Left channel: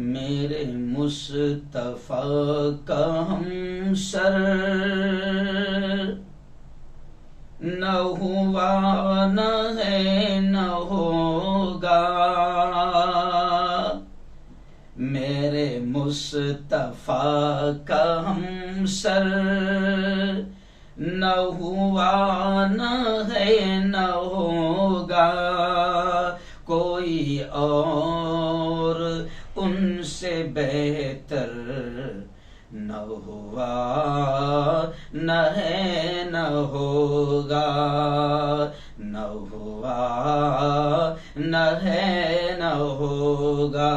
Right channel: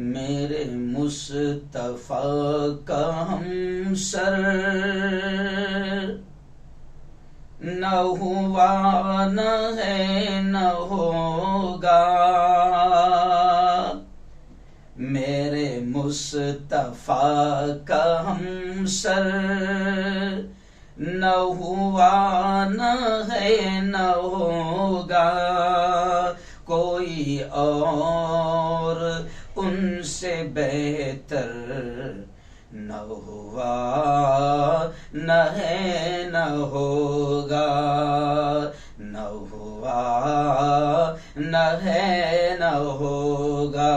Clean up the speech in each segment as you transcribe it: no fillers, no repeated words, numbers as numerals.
मेरे मुस्तफा का हमसर न हुआ न है न होगा. मेरे मुस्तफा का हमसर न हुआ न है न होगा. कोई और उनसे बेहतर न हुआ न है न होगा. न हुआ न है न होगा.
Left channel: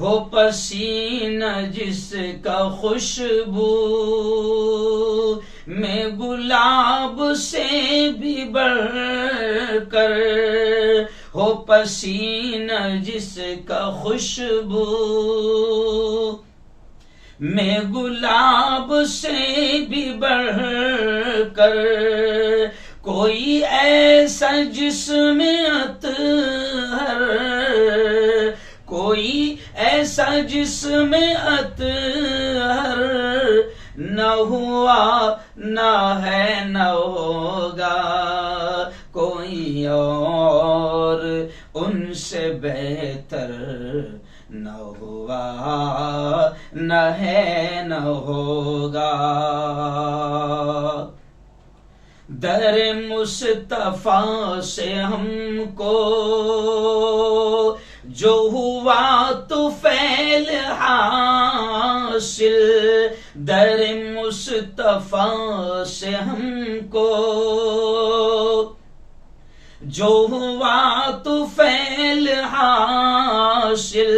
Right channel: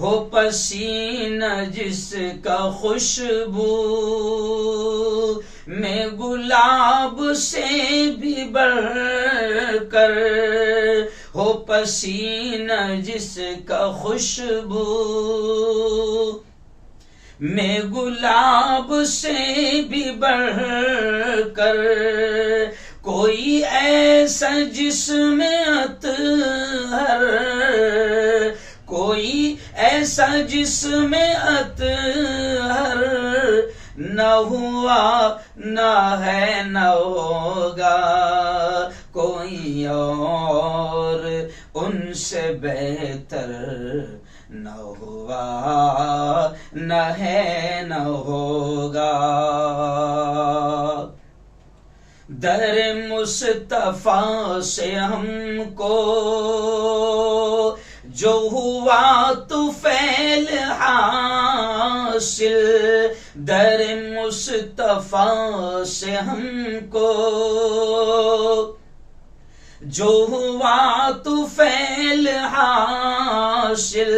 हो पसीना जिसका खुशबू में गुलाब से भी बढ़कर. हो पसीना जिसका खुशबू में गुलाब से भी बढ़कर. कोई ऐसा जिसमें अतहर कोई ऐसा जिसमें अतहर न हुआ न है न होगा. कोई और उनसे बेहतर न हुआ न है न होगा. दर मुस्तफा से हमको जो हुआ तो फैल हासिल. दर मुस्तफा से हमको जो हुआ तो फैल हासिल.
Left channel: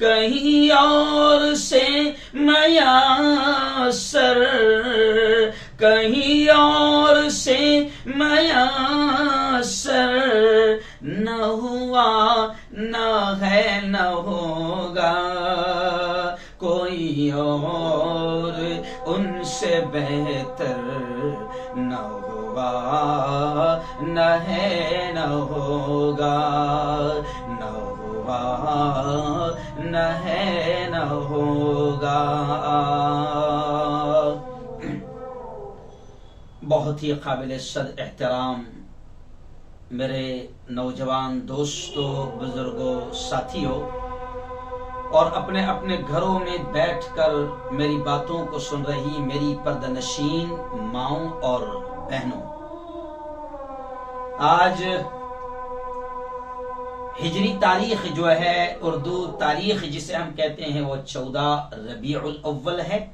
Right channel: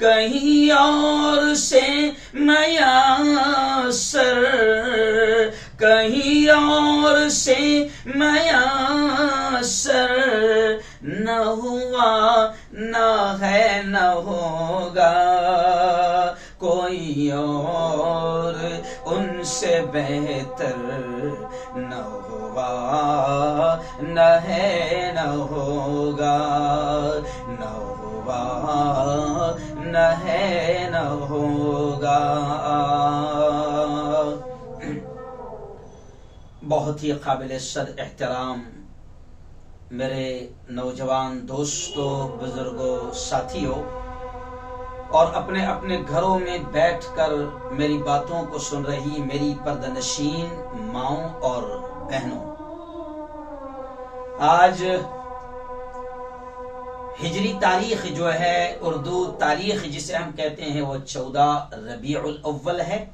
कहीं और से मयासर कहीं और मयस्सर, न हुआ न है न होगा कोई और उनसे बेहतर, न हुआ न है न होगा, न हुआ न है न होगा। बहुत ही काबिल सद एहतराम मेरे नौजवान दोस्तों, बुजुर्गों, साथियों और अपने अपने घरों में बैठकर मेरी बातों को सुन रही मेरी पर्दनशीन माओं और बहनों, आज हिजरी तारीख जो है, उर्दू तारीख जिसे हम कहते हैं, वो 14 रबीउल अव्वल है,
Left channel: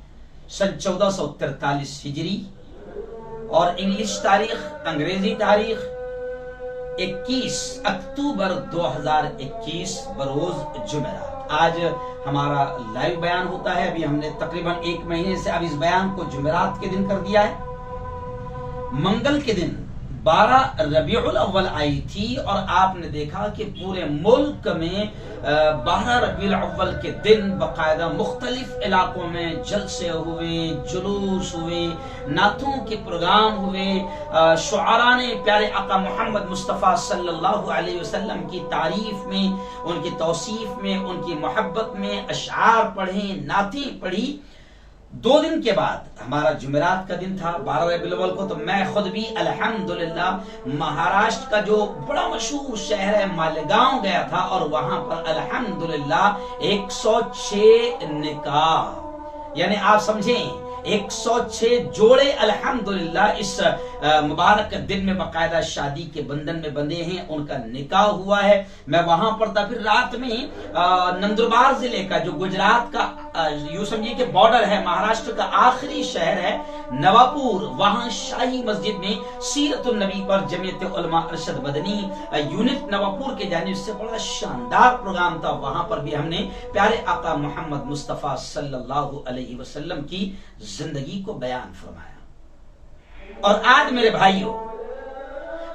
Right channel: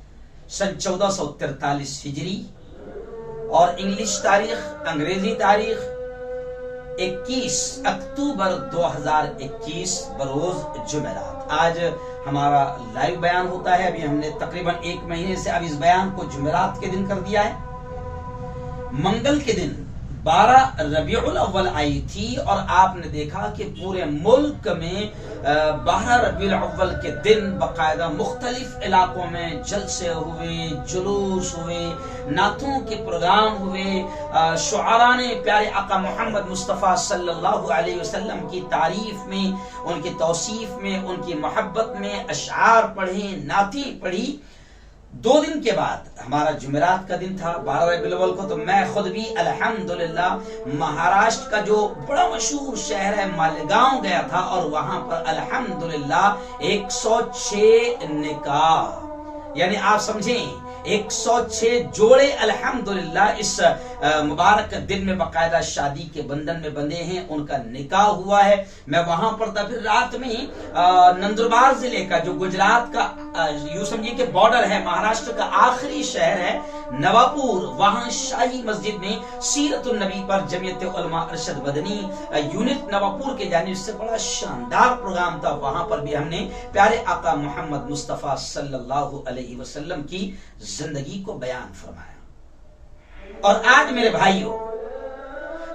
सन 1443 हिजरी, और इंग्लिश तारीख, अंग्रेजी तारीख 21 अक्टूबर 2021 बरोज जुमेरात। आज हमारा लाइव बयान होता है। अभी हमने तकरीबन 1 महीने से अब इस बयान को जुमेरात के दिन कर दिया है। मंगल के दिन 12 रबीउल अव्वल आई थी और आपने देखा कि पूरे मुल्क में 12 रबीउल अव्वल के दिन बाकायदा मुख्तलिफ इलाकों में जलसे हुए, जुलूस हुए, नातों के प्रोग्राम हुए, शुआरा ने प्यारे आका मोहम्मद मुस्तफ़ा सल्लल्लाहु अलैहि वसल्लम की तारीफ में, उनकी तौसीफ में, उनकी मोहब्बत में अशआर पढ़े, नातें पढ़ी। 2 दिन के बाद हमारा जुमेरात का दिन था 12 रबीउल अव्वल को, तो मैं खुद भी अल्हम्दुलिल्लाह महाराष्ट्र का जो बड़ा मशहूर शहर है मालेगांव गया था और वहां पर अल्हम्दुलिल्लाह 106 निकाह, यानी आप समझें 106 जोड़े अल्हम्दुलिल्लाह इस मुबारक दिन में बाकायदा शादी के बंधन में बंधे हैं, उनका निकाह हुआ है। मैं वहां पर था। फिर रात में नंदुरबार जिले का जो गुजरात का यूं समझिए कि बॉर्डर है, महाराष्ट्र का आखिरी शहर है नवापुर, वहां शाही मस्जिद में सीरतुन नबी पर जमीयत उलमा अरशद मदनी यूनिट नवापुर के जानिब से बड़ा शानदार प्रोग्राम था। वहां पर भी हमने प्यारे आका मोहम्मद मुस्तफ़ा सल्लल्लाहु अलैहि वसल्लम की जिंदगी को बयान फरमाया। और आज मेरे भाइयों,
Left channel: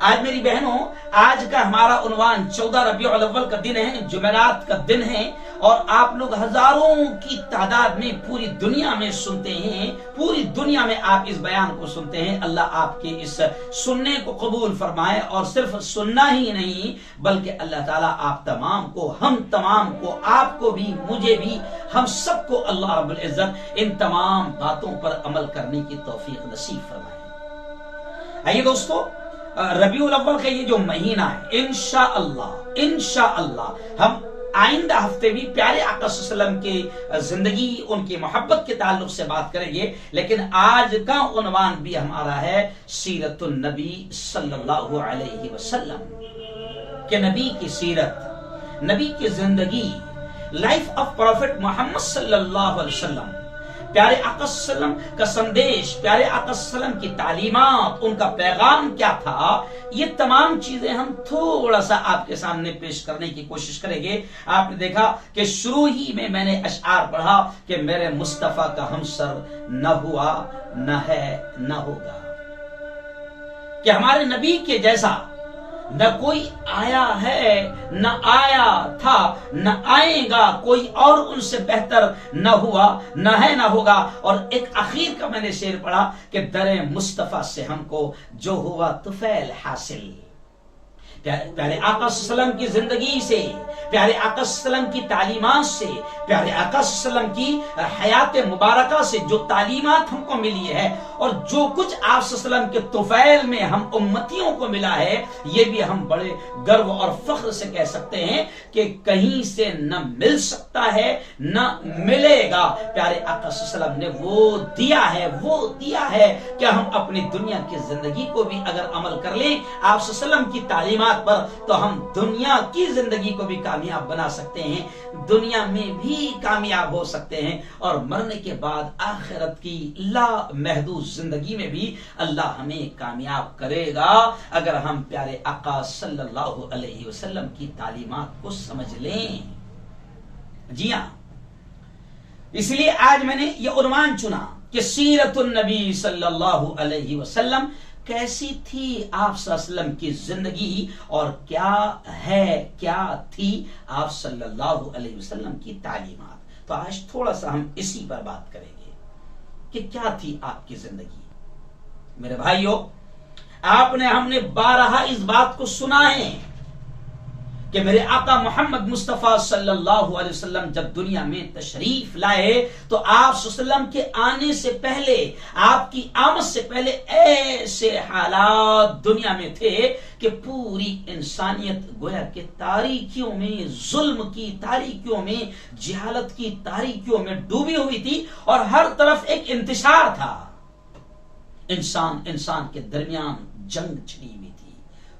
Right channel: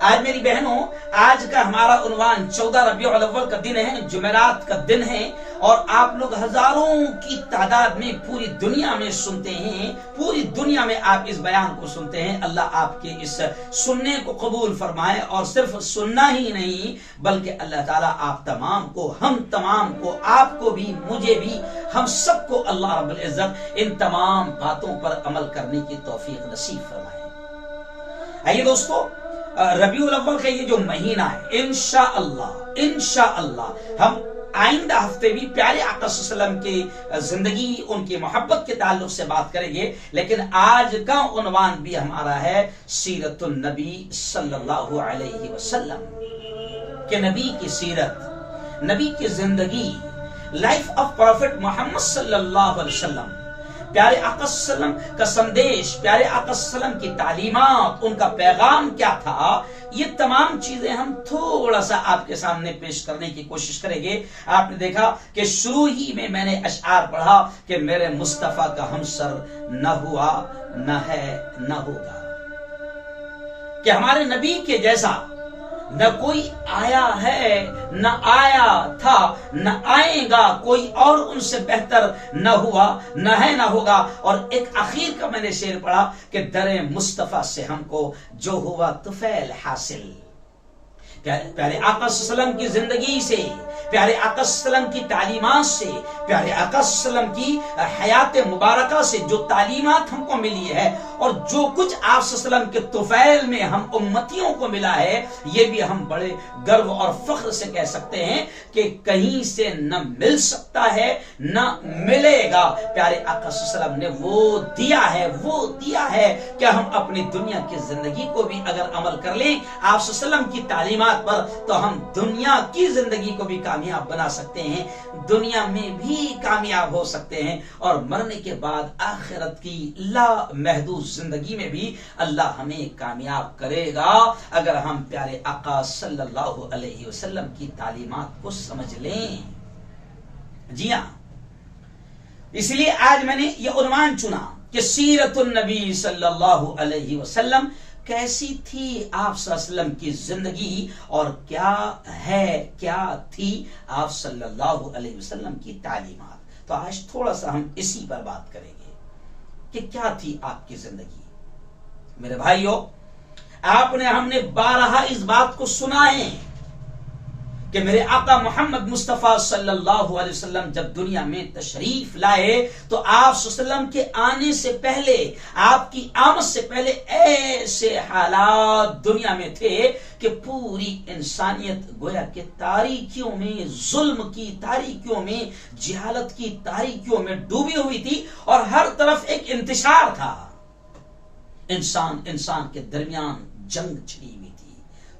आज मेरी बहनों, आज का हमारा उन्वान 14 रबीउल अव्वल का दिन है, जुमेरात का दिन है, और आप लोग हजारों की तादाद में पूरी दुनिया में सुनते हैं, पूरी दुनिया में आप इस बयान को सुनते हैं। अल्लाह आपके इस सुनने को कबूल फरमाए, और सिर्फ सुनना ही नहीं बल्कि अल्लाह ताला आप तमाम को, हम तमाम को, आपको भी, मुझे भी, हम सबको अल्लाह रब्बुल इज्जत इन तमाम बातों पर अमल करने की तौफीक नसीब फरमाए। आइए दोस्तों, रबीउल अव्वल का ये जो महीना है, इंशाअल्लाह हम आइंदा हफ्ते भी प्यारे आका सल्लल्लाहु अलैहि वसल्लम की जिंदगी, उनकी मोहब्बत के ताल्लुक से बात करेंगे। लेकिन आज का उन्वान भी हमारा है सीरतुन नबी सल्लल्लाहु अलैहि वसल्लम के, नबी की सीरत, नबी की जिंदगी, लाइफ ऑफ प्रॉफिट मोहम्मद सल्लल्लाहु अलैहि वसल्लम, प्यारे आका सल्लम का संदेश, प्यारे आका सल्लम की तालीमात, उनका पैगाम क्या था, ये तमाम चीजें हम थोड़ा सा आपके सामने पेश करने की कोशिश करेंगे। आपने देखा कि शुरू ही में मैंने अशआर पढ़ा कि मेरे मुस्तफा का हमसर न हुआ, न है, न होगा, कि हमारे नबी के जैसा न कोई आया है, न आया था, न आएगा, कोई और उनसे बेहतर न हुआ, न है, न होगा। और एक आखिर का मैंने शेर पढ़ा कि दरे मुस्तफा से हमको जो हुआ तुफैल हासिल। प्यारे आका सल्लम की जिंदगी से, प्यारे आका सल्लम की तालीमात से, प्यारे आका सल्लम की हयात मुबारका से जो तालीमात हमको मिली है, और जो कुछ आप सल्लम के तुफैल में हम उम्मतियों को मिला है, ये भी हम बड़े गर्व और फख्र से कह सकते हैं कि कहीं से न मिल सकता है, न मिलेगा। प्यारे आका सल्लम ने वो दिया है, वो दिया है कि हम अपनी दुनिया की जिंदगी को भी अगर अमल कर लें आप सल्लम की तालीमात पर, तो हम दुनिया की जिंदगी को भी कामयाब बना सकते हैं, दुनिया में भी कामयाब हो सकते हैं, और मरने के बाद आखिरत की ला महदूद जिंदगी में भी अल्लाह हमें कामयाब करेगा अगर हम प्यारे आका सल्लल्लाहु अलैहि वसल्लम की तालीमात को समझ लें। जी हां, इसलिए आज मैंने ये उन्वान चुना कि सीरतुन नबी सल्लल्लाहु अलैहि वसल्लम कैसी थी आप सल्लल्लाहु अलैहि वसल्लम की जिंदगी और क्या थी आप सल्लल्लाहु अलैहि वसल्लम की तालीमात। तो आज थोड़ा सा हम इसी पर बात करेंगे कि क्या थी आपकी जिंदगी। मेरे भाइयों, हमने बारहा इस बात को सुना है कि मेरे आका मोहम्मद मुस्तफा सल्लल्लाहु अलैहि वसल्लम जब दुनिया में तशरीफ लाए तो आप सल्लल्लाहु के आने से पहले, आपकी आमद से पहले ऐसे हालात दुनिया में थे कि पूरी इंसानियत गोया के तारीकियों में, जुल्म की तारीकियों में, जिहालत की तारीकियों में डूबी हुई थी और हर तरफ एक इंतशार था। इंसान के दरमियान जंग छिड़ी हुई थी,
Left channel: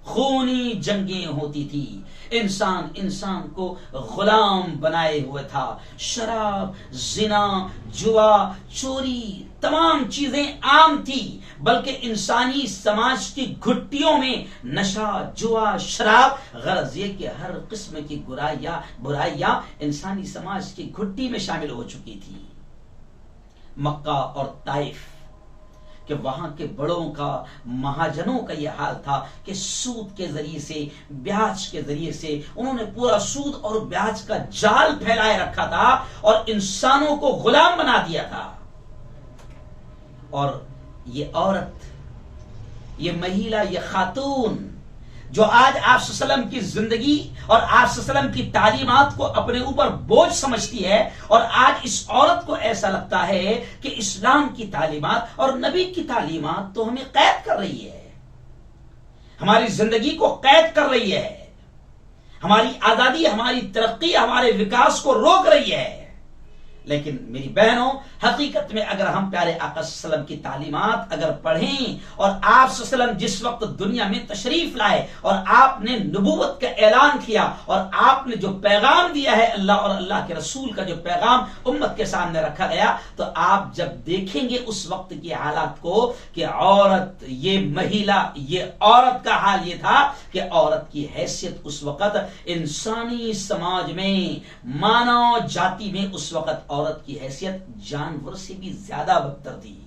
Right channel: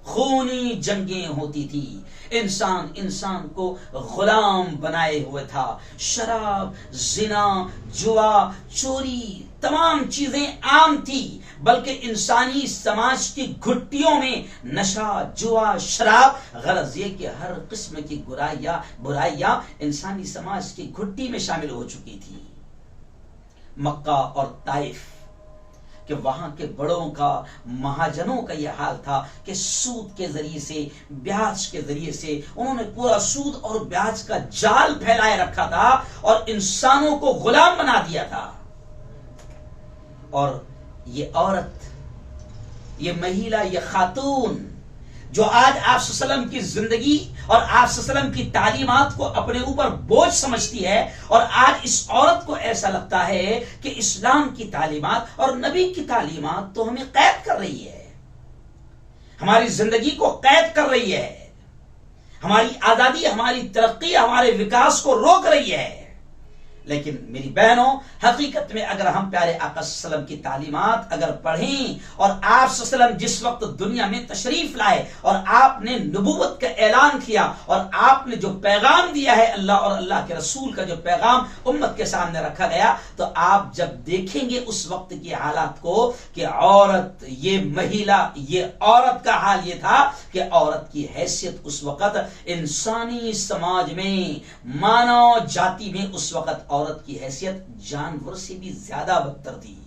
खूनी जंगें होती थी, इंसान को गुलाम बनाए हुए था। शराब, जिना, जुआ, चोरी, तमाम चीजें आम थी, बल्कि इंसानी समाज की घुट्टियों में नशा, जुआ, शराब, गरज ये कि हर किस्म की बुराइयां इंसानी समाज की घुट्टी में शामिल हो चुकी थी। मक्का और ताइफ कि वहां के बड़ों का, महाजनों का यह हाल था कि सूद के जरिए से, ब्याज के जरिए से उन्होंने पूरा सूद और ब्याज का जाल फैलाए रखा था और इंसानों को गुलाम बना दिया था। और ये औरत, ये महिला, ये खातून जो आज आप सल्लल्लाहु की जिंदगी और आप सल्लल्लाहु की तालीमात को अपने ऊपर बोझ समझती है, और आज इस औरत को ऐसा लगता है कि इस्लाम की तालीमात और नबी की तालीमात तो हमें कैद कर रही है, हमारी जिंदगी को कैद कर रही है, हमारी आजादी, हमारी तरक्की, हमारे विकास को रोक रही है। लेकिन मेरी बहनों, हकीकत में अगर हम प्यारे आका सल्लल्लाहु की तालीमात अगर पढ़ें और आप सल्लल्लाहु जिस वक्त दुनिया में तशरीफ लाए और आपने नबूवत का ऐलान किया और आपने जो पैगाम दिया है अल्लाह और अल्लाह के रसूल का जो पैगाम उम्मत के सामने रखा गया, तो आप जब देखेंगे उस वक्त की हालात को कि औरत, ये महिला, ये औरत का हाल ये था कि औरत की हैसियत उस वक्त इंसानी समाज में, मानव जाति में उस वक्त औरत की हैसियत जानवर से भी ज्यादा बदतर थी।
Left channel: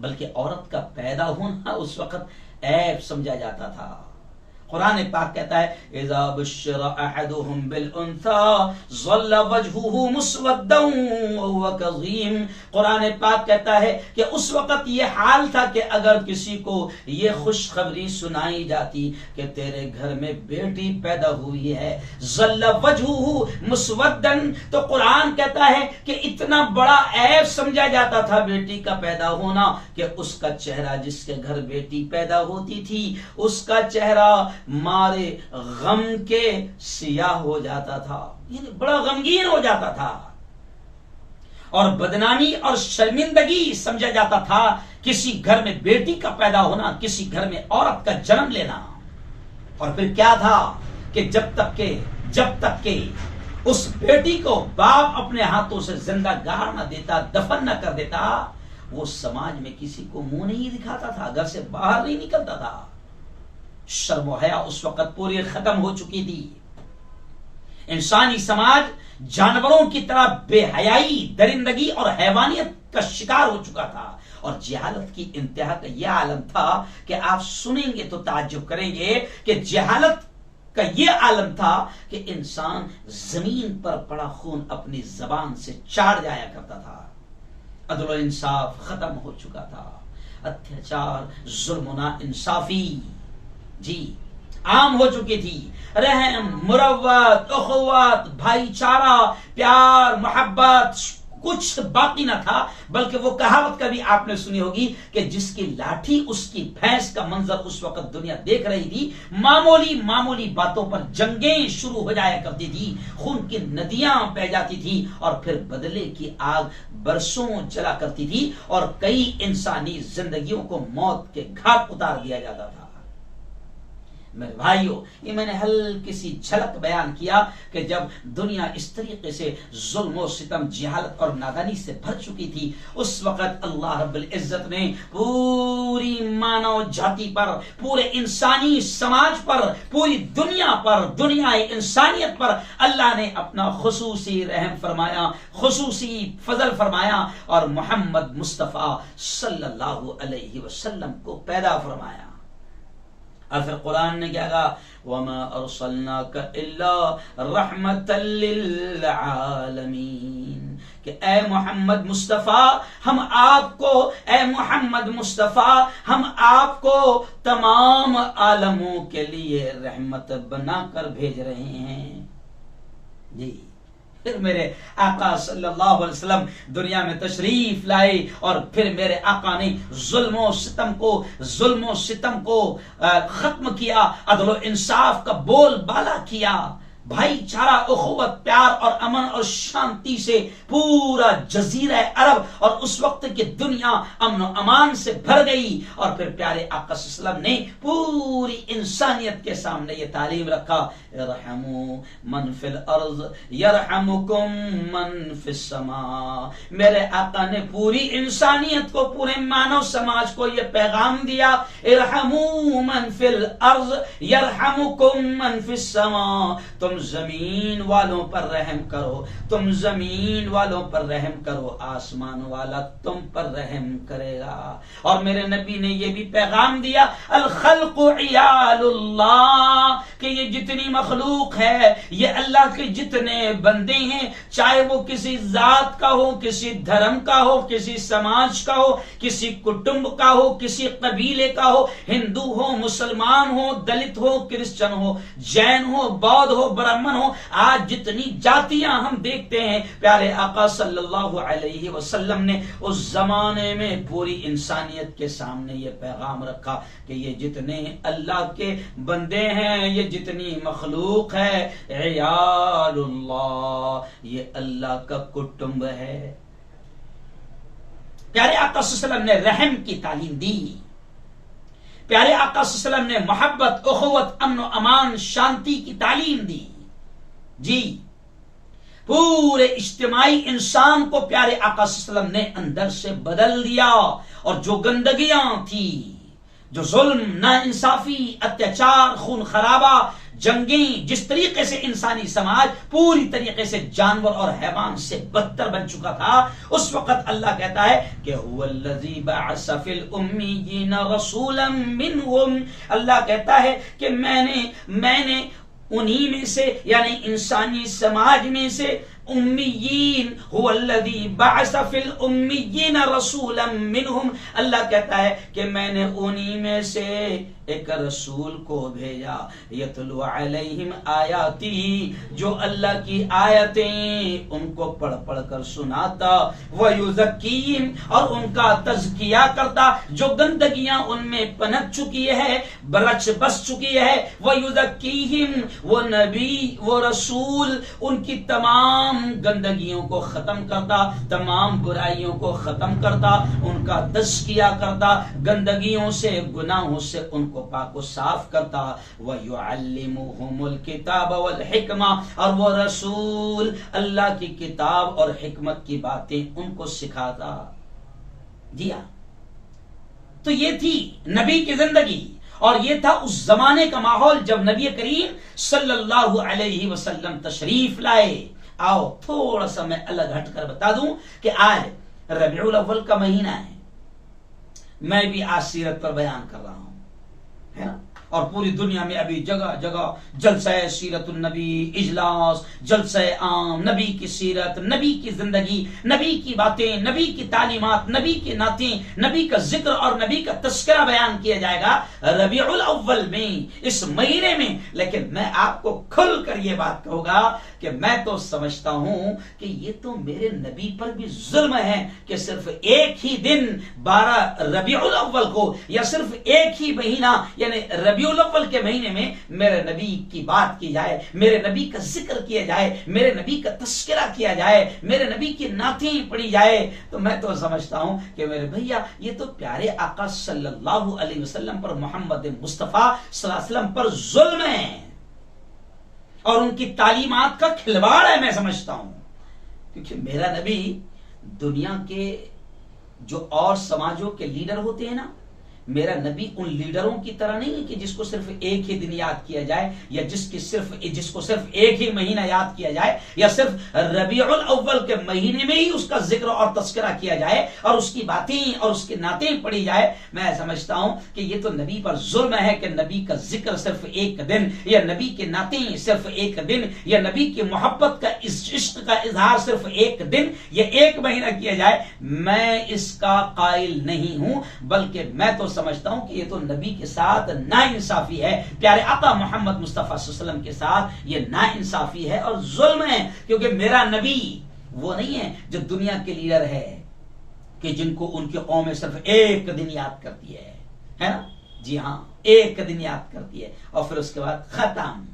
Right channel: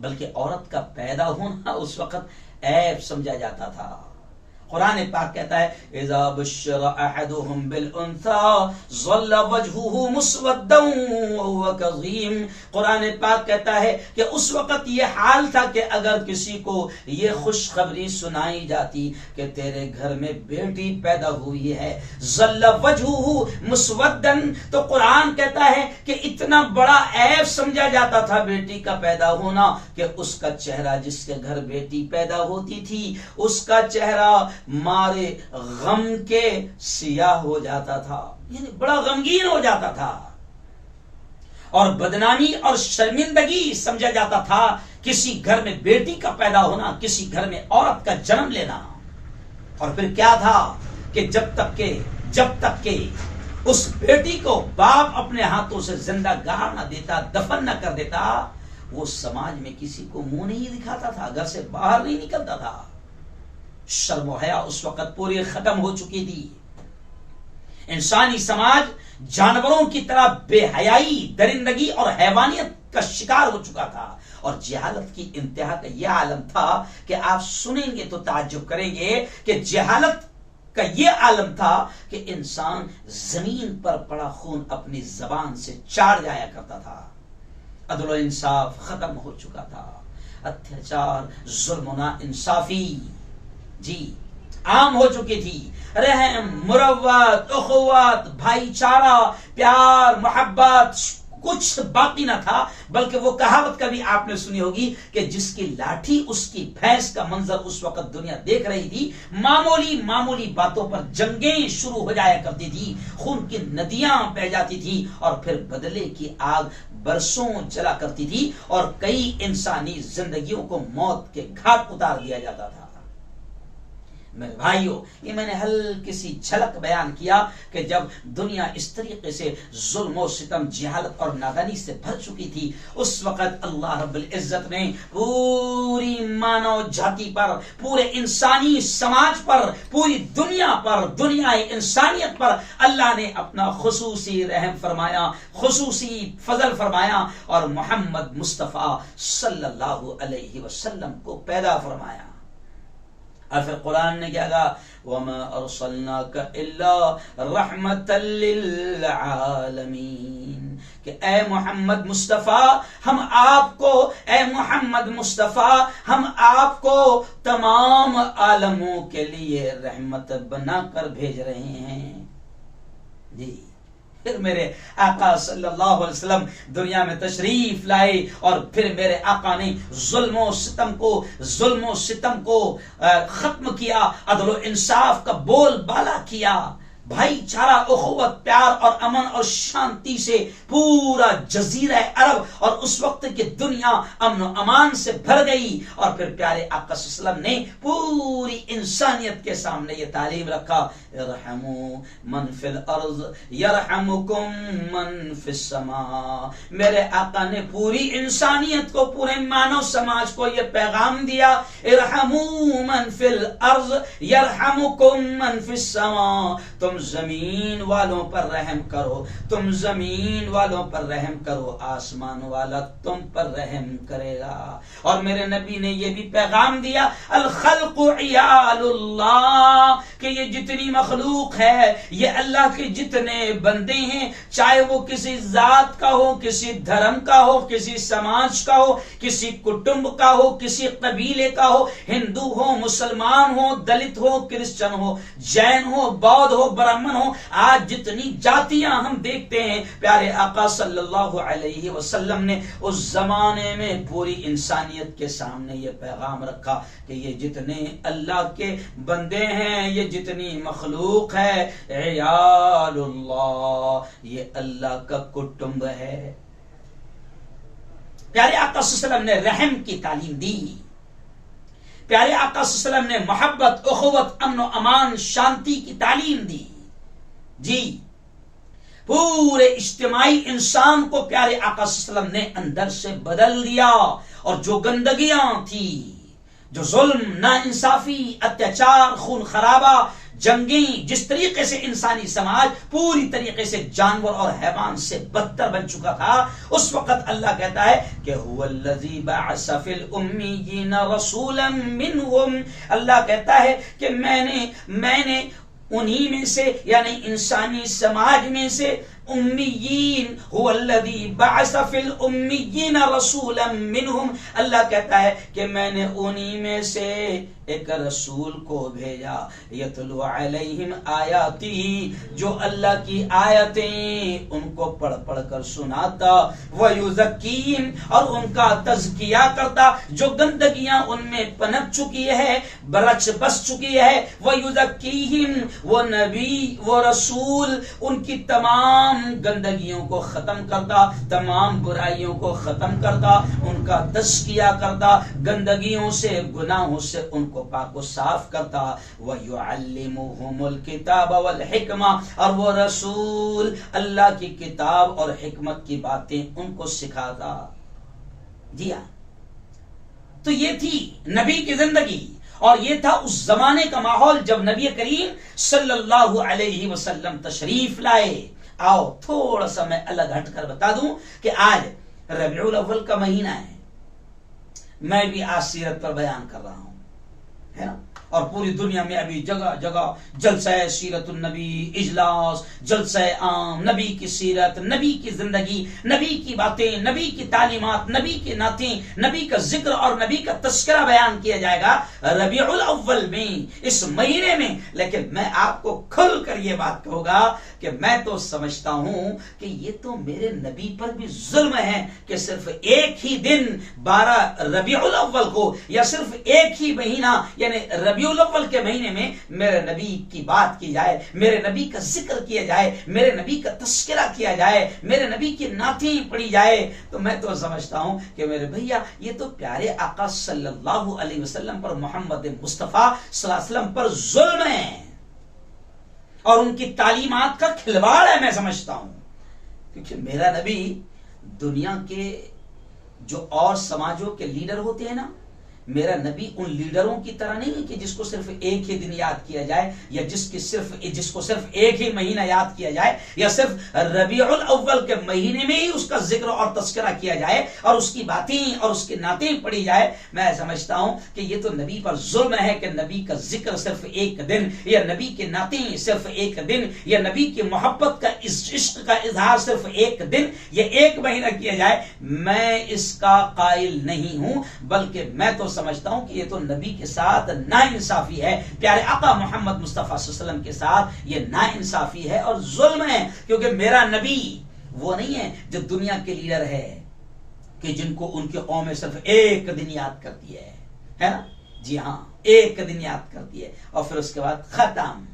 बल्कि औरत का पैदा होना उस वक्त ऐब समझा जाता था। कुरान पाक कहता है, इज़ा बुश्शिरा अहदुहुम बिल उन्सा ज़ल्ला वजहुहु मुस्वद्दन व हुवा कज़ीम। कुरान पाक कहता है कि उस वक्त ये हाल था कि अगर किसी को ये खुशखबरी सुनाई जाती कि तेरे घर में बेटी पैदा हुई है, ज़ल्ला वजहुहु मुस्वद्दन, तो कुरान कहता है कि इतना बड़ा ऐब समझा जाता था बेटी का पैदा होना कि उसका चेहरा, जिसके घर बेटी पैदा होती थी, उसका चेहरा मारे गम के सियाह हो जाता था, यानी बड़ा गमगीन हो जाता था। और बदनामी और शर्मिंदगी समझा जाता था किसी घर में बेटी का पैदा होना, किसी घर में औरत का जन्म लेना। और फिर क्या था कि जब तक के उस बेटी को बाप अपने हाथों से जिंदा गाड़ न देता, दफन न कर देता, वो समाज में किसी को मुंह नहीं दिखाता था, घर से बाहर नहीं निकलता था। शर्म और हया उस वक्त पूरी खत्म हो चुकी थी। इंसानी समाज जानवरों की तरह बेहयाई, दरिंदगी और हैवानियत का शिकार हो चुका था। और जहालत की इंतहा का यह आलम था कि आप सुनेंगे तो ताज्जुब करेंगे कि जहालत का यह आलम था कि इंसान जमीन पर पड़ा खून अपनी जबान से चाट जाया करता था। अदल और इंसाफ खत्म हो चुका था। अत्याचार, जुल्म, ना इंसाफी जी आम हो चुकी थी। रहम, मुरव्वत, उखुवत, भाईचारा, प्यार, मोहब्बत कुछ बाकी न था। बल्कि वो कहावत कभी आपने सुनी होगी कि जिसकी लाठी उसकी भैंस का मंजर उस वक्त दुनिया देख रही थी। मामूली बातों पर जंगें शुरू हो जाया करती थी, खून की नदियां बह जाती थी और फिर बदले की आग बरसों जला करती थी और कई इंसानी जिंदगियों को मौत के घाट उतार दिया जाता था। मेरे भाइयों, ये मैंने हल्की सी झलक बयान किया कि जब दुनिया इस तरीके से जुल्म सितम जिहालत और नादानी से भर चुकी थी, उस वक्त अल्लाह रब्बुल इज्जत ने पूरी मानव जाति पर, पूरे इंसानी समाज पर, पूरी दुनिया पर, दुनिया इंसानियत पर अल्लाह ने अपना खुसूसी रहम फरमाया, खुसूसी फजल फरमाया और मोहम्मद मुस्तफा सल्लल्लाहु अलैहि वसल्लम को पैदा फरमाया। और फिर कुरान ने क्या कहा, वमा अरसलनाका इल्ला रहमतल लिल आलमीन, कि ए मोहम्मद मुस्तफा हम आपको, ए मोहम्मद मुस्तफा हम आपको तमाम आलमों के लिए रहमत बनाकर भेज रहे हैं। जी, फिर मेरे आका सल्लल्लाहु अलैहि वसल्लम दुनिया में तशरीफ लाए और फिर मेरे आका ने जुल्म सितम को खत्म किया, अदल इंसाफ का बोलबाला किया, भाईचारा, उखुवत, प्यार और अमन और शांति से पूरा जजीरा अरब और उस वक्त की दुनिया अमन और अमान से भर गई। और फिर प्यारे आका सल्लल्लाहु अलैहि वसल्लम ने पूरी इंसानियत के सामने ये तालीम रखा, इरहमू मन फिल अर्ज़ यरहमुकुम मन फिस समा। मेरे आका ने पूरी इंसानियत को, पूरे मानव समाज को ये पैगाम दिया, इरहमू मन फिल अर्ज़ यरहमुकुम मन फिस समा। तुम जमीन वालों पर रहम करो, तुम जमीन वालों पर रहम करो, आसमान वाला तुम पर रहम करेगा। और मेरे नबी ने यह भी पैगाम दिया, अल खल्क़ु इयालुल्लाह, कि ये जितनी मखलूक है, ये अल्लाह के जितने बंदे हैं, चाहे वो किसी जात का हो, किसी धर्म का हो, किसी समाज का हो, किसी कुटुंब का हो, किसी कबीले का हो, हिंदू हो, मुसलमान हो, दलित हो, क्रिश्चियन हो, जैन हो, बौद्ध हो, ब्राह्मण हो, आज जितनी जातियां हम देखते हैं, प्यारे आका सल्लल्लाहु अलैहि वसल्लम ने उस जमाने में पूरी इंसानियत के सामने ये पैगाम रखा कि ये जितने अल्लाह के बंदे हैं, ये जितनी मखलूक है, इयालुल्लाह, ये अल्लाह का कुटुंब है। प्यारे आका सल्लल्लाहु अलैहि वसल्लम ने रहम की तालीम दी, प्यारे आका सल्लल्लाहु अलैहि वसल्लम ने मोहब्बत, उखुवत, अमन अमान, शांति की तालीम दी। जी, पूरे इज्तिमाई इंसान को प्यारे आका सल्लल्लाहु अलैहि वसल्लम ने अंदर से बदल दिया। और जो गंदगियां थी, जो जुल्म, नाइंसाफी, अत्याचार, खून खराबा, जंगें, जिस तरीके से इंसानी समाज पूरी तरीके से जानवर और हैवान से बदतर बन चुका था, उस वक्त अल्लाह कहता है कि हुवल्लज़ी बअस फिल उम्मिय्यीना रसूलन मिनहुम, अल्लाह कहता है कि मैंने उन्हीं में से, यानी इंसानी समाज में से, उम्मीयीन, हुवल्लज़ी बअस फिल उम्मिय्यीना रसूलन मिनहुम, अल्लाह कहता है कि मैंने उन्हीं में से एक रसूल को भेजा, यतलु अलैहिम आयाती, जो अल्लाह की आयतें उनको पढ़ पढ़ कर सुनाता, व युज़क्कीहिम, और उनका तज़किया करता, जो गंदगियां उनमें पनप चुकी है, बस चुकी है, व युज़क्कीहिम, वो नबी, वो रसूल उनकी तमाम गंदगियों को खत्म करता, तमाम बुराइयों को खत्म करता, उनका तज़किया करता, गंदगियों से, गुनाहों से उनको पाको साफ करता, व युअल्लिमुहुमुल किताब वल हिकमा, और वो रसूल अल्लाह की किताब और हिकमत की बातें उनको सिखाता। दिया तो ये थी नबी की जिंदगी, और ये था उस जमाने का माहौल जब नबी करीम सल्लल्लाहु अलैहि वसल्लम तशरीफ लाए। आओ थोड़ा सा मैं अलग हटकर बता दूं कि आज रबीउल अव्वल का महीना है, मैं भी आज सीरत पर बयान कर रहा हूं, है ना, और पूरी दुनिया में अभी जगह जगह जलसा सीरतुन नबी, इजलास, जलसा आम, नबी की सीरत, नबी की जिंदगी, नबी की बातें, नबी की तालीमात, नबी की नातें, नबी का जिक्र और नबी का तस्करा बयान किया जाएगा रबीउल अव्वल में, इस महीने में। लेकिन मैं आपको खुल कर यह बात कहूंगा कि मैं तो समझता हूं कि ये तो मेरे नबी पर भी जुल्म है कि सिर्फ एक ही दिन 12 रबीउल अव्वल को, या सिर्फ एक ही महीना यानी रबीउल अव्वल के महीने में मेरे नबी की बात की जाए, मेरे नबी का जिक्र किया जाए, मेरे नबी का तस्करा किया जाए, मेरे नबी की नातें पढ़ी जाए, तो मैं तो समझता हूं कि मेरे भैया ये तो प्यारे आका सल्लल्लाहु अलैहि वसल्लम पर, मोहम्मद मुस्तफा सल्लल्लाहु अलैहि वसल्लम पर जुल्म है और उनकी तालीमात का खिलवाड़ है, मैं समझता हूं। क्योंकि मेरा नबी दुनिया के जो और समाजों के लीडर होते हैं ना, मेरा नबी उन लीडरों की तरह नहीं है कि जिसको सिर्फ एक ही दिन याद किया जाए, या जिसको सिर्फ एक ही महीना याद किया जाए, या सिर्फ रबीउल अव्वल के महीने में ही उसका जिक्र और तस्करा किया जाए और उसकी बातें और उसकी नातें पढ़ी जाए। मैं समझता हूं कि ये तो नबी पर जुल्म है कि नबी का जिक्र सिर्फ एक दिन, या नबी की नातें सिर्फ एक दिन, या नबी की मोहब्बत का, इश्क का इजहार सिर्फ एक दिन या एक महीना किया जाए। मैं इसका कायल नहीं हूं, बल्कि मैं तो समझता हूं कि ये तो नबी के साथ नाइंसाफी है, प्यारे आका मोहम्मद मुस्तफा सल्लल्लाहु अलैहि वसल्लम के साथ ये नाइंसाफी है और जुल्म है। क्योंकि मेरा नबी वो नहीं है जो दुनिया के लीडर है कि जिनको उनकी कौमें सिर्फ एक दिन याद करती है ना? जी हां, एक दिन याद करती है और फिर उसके बाद खत्म।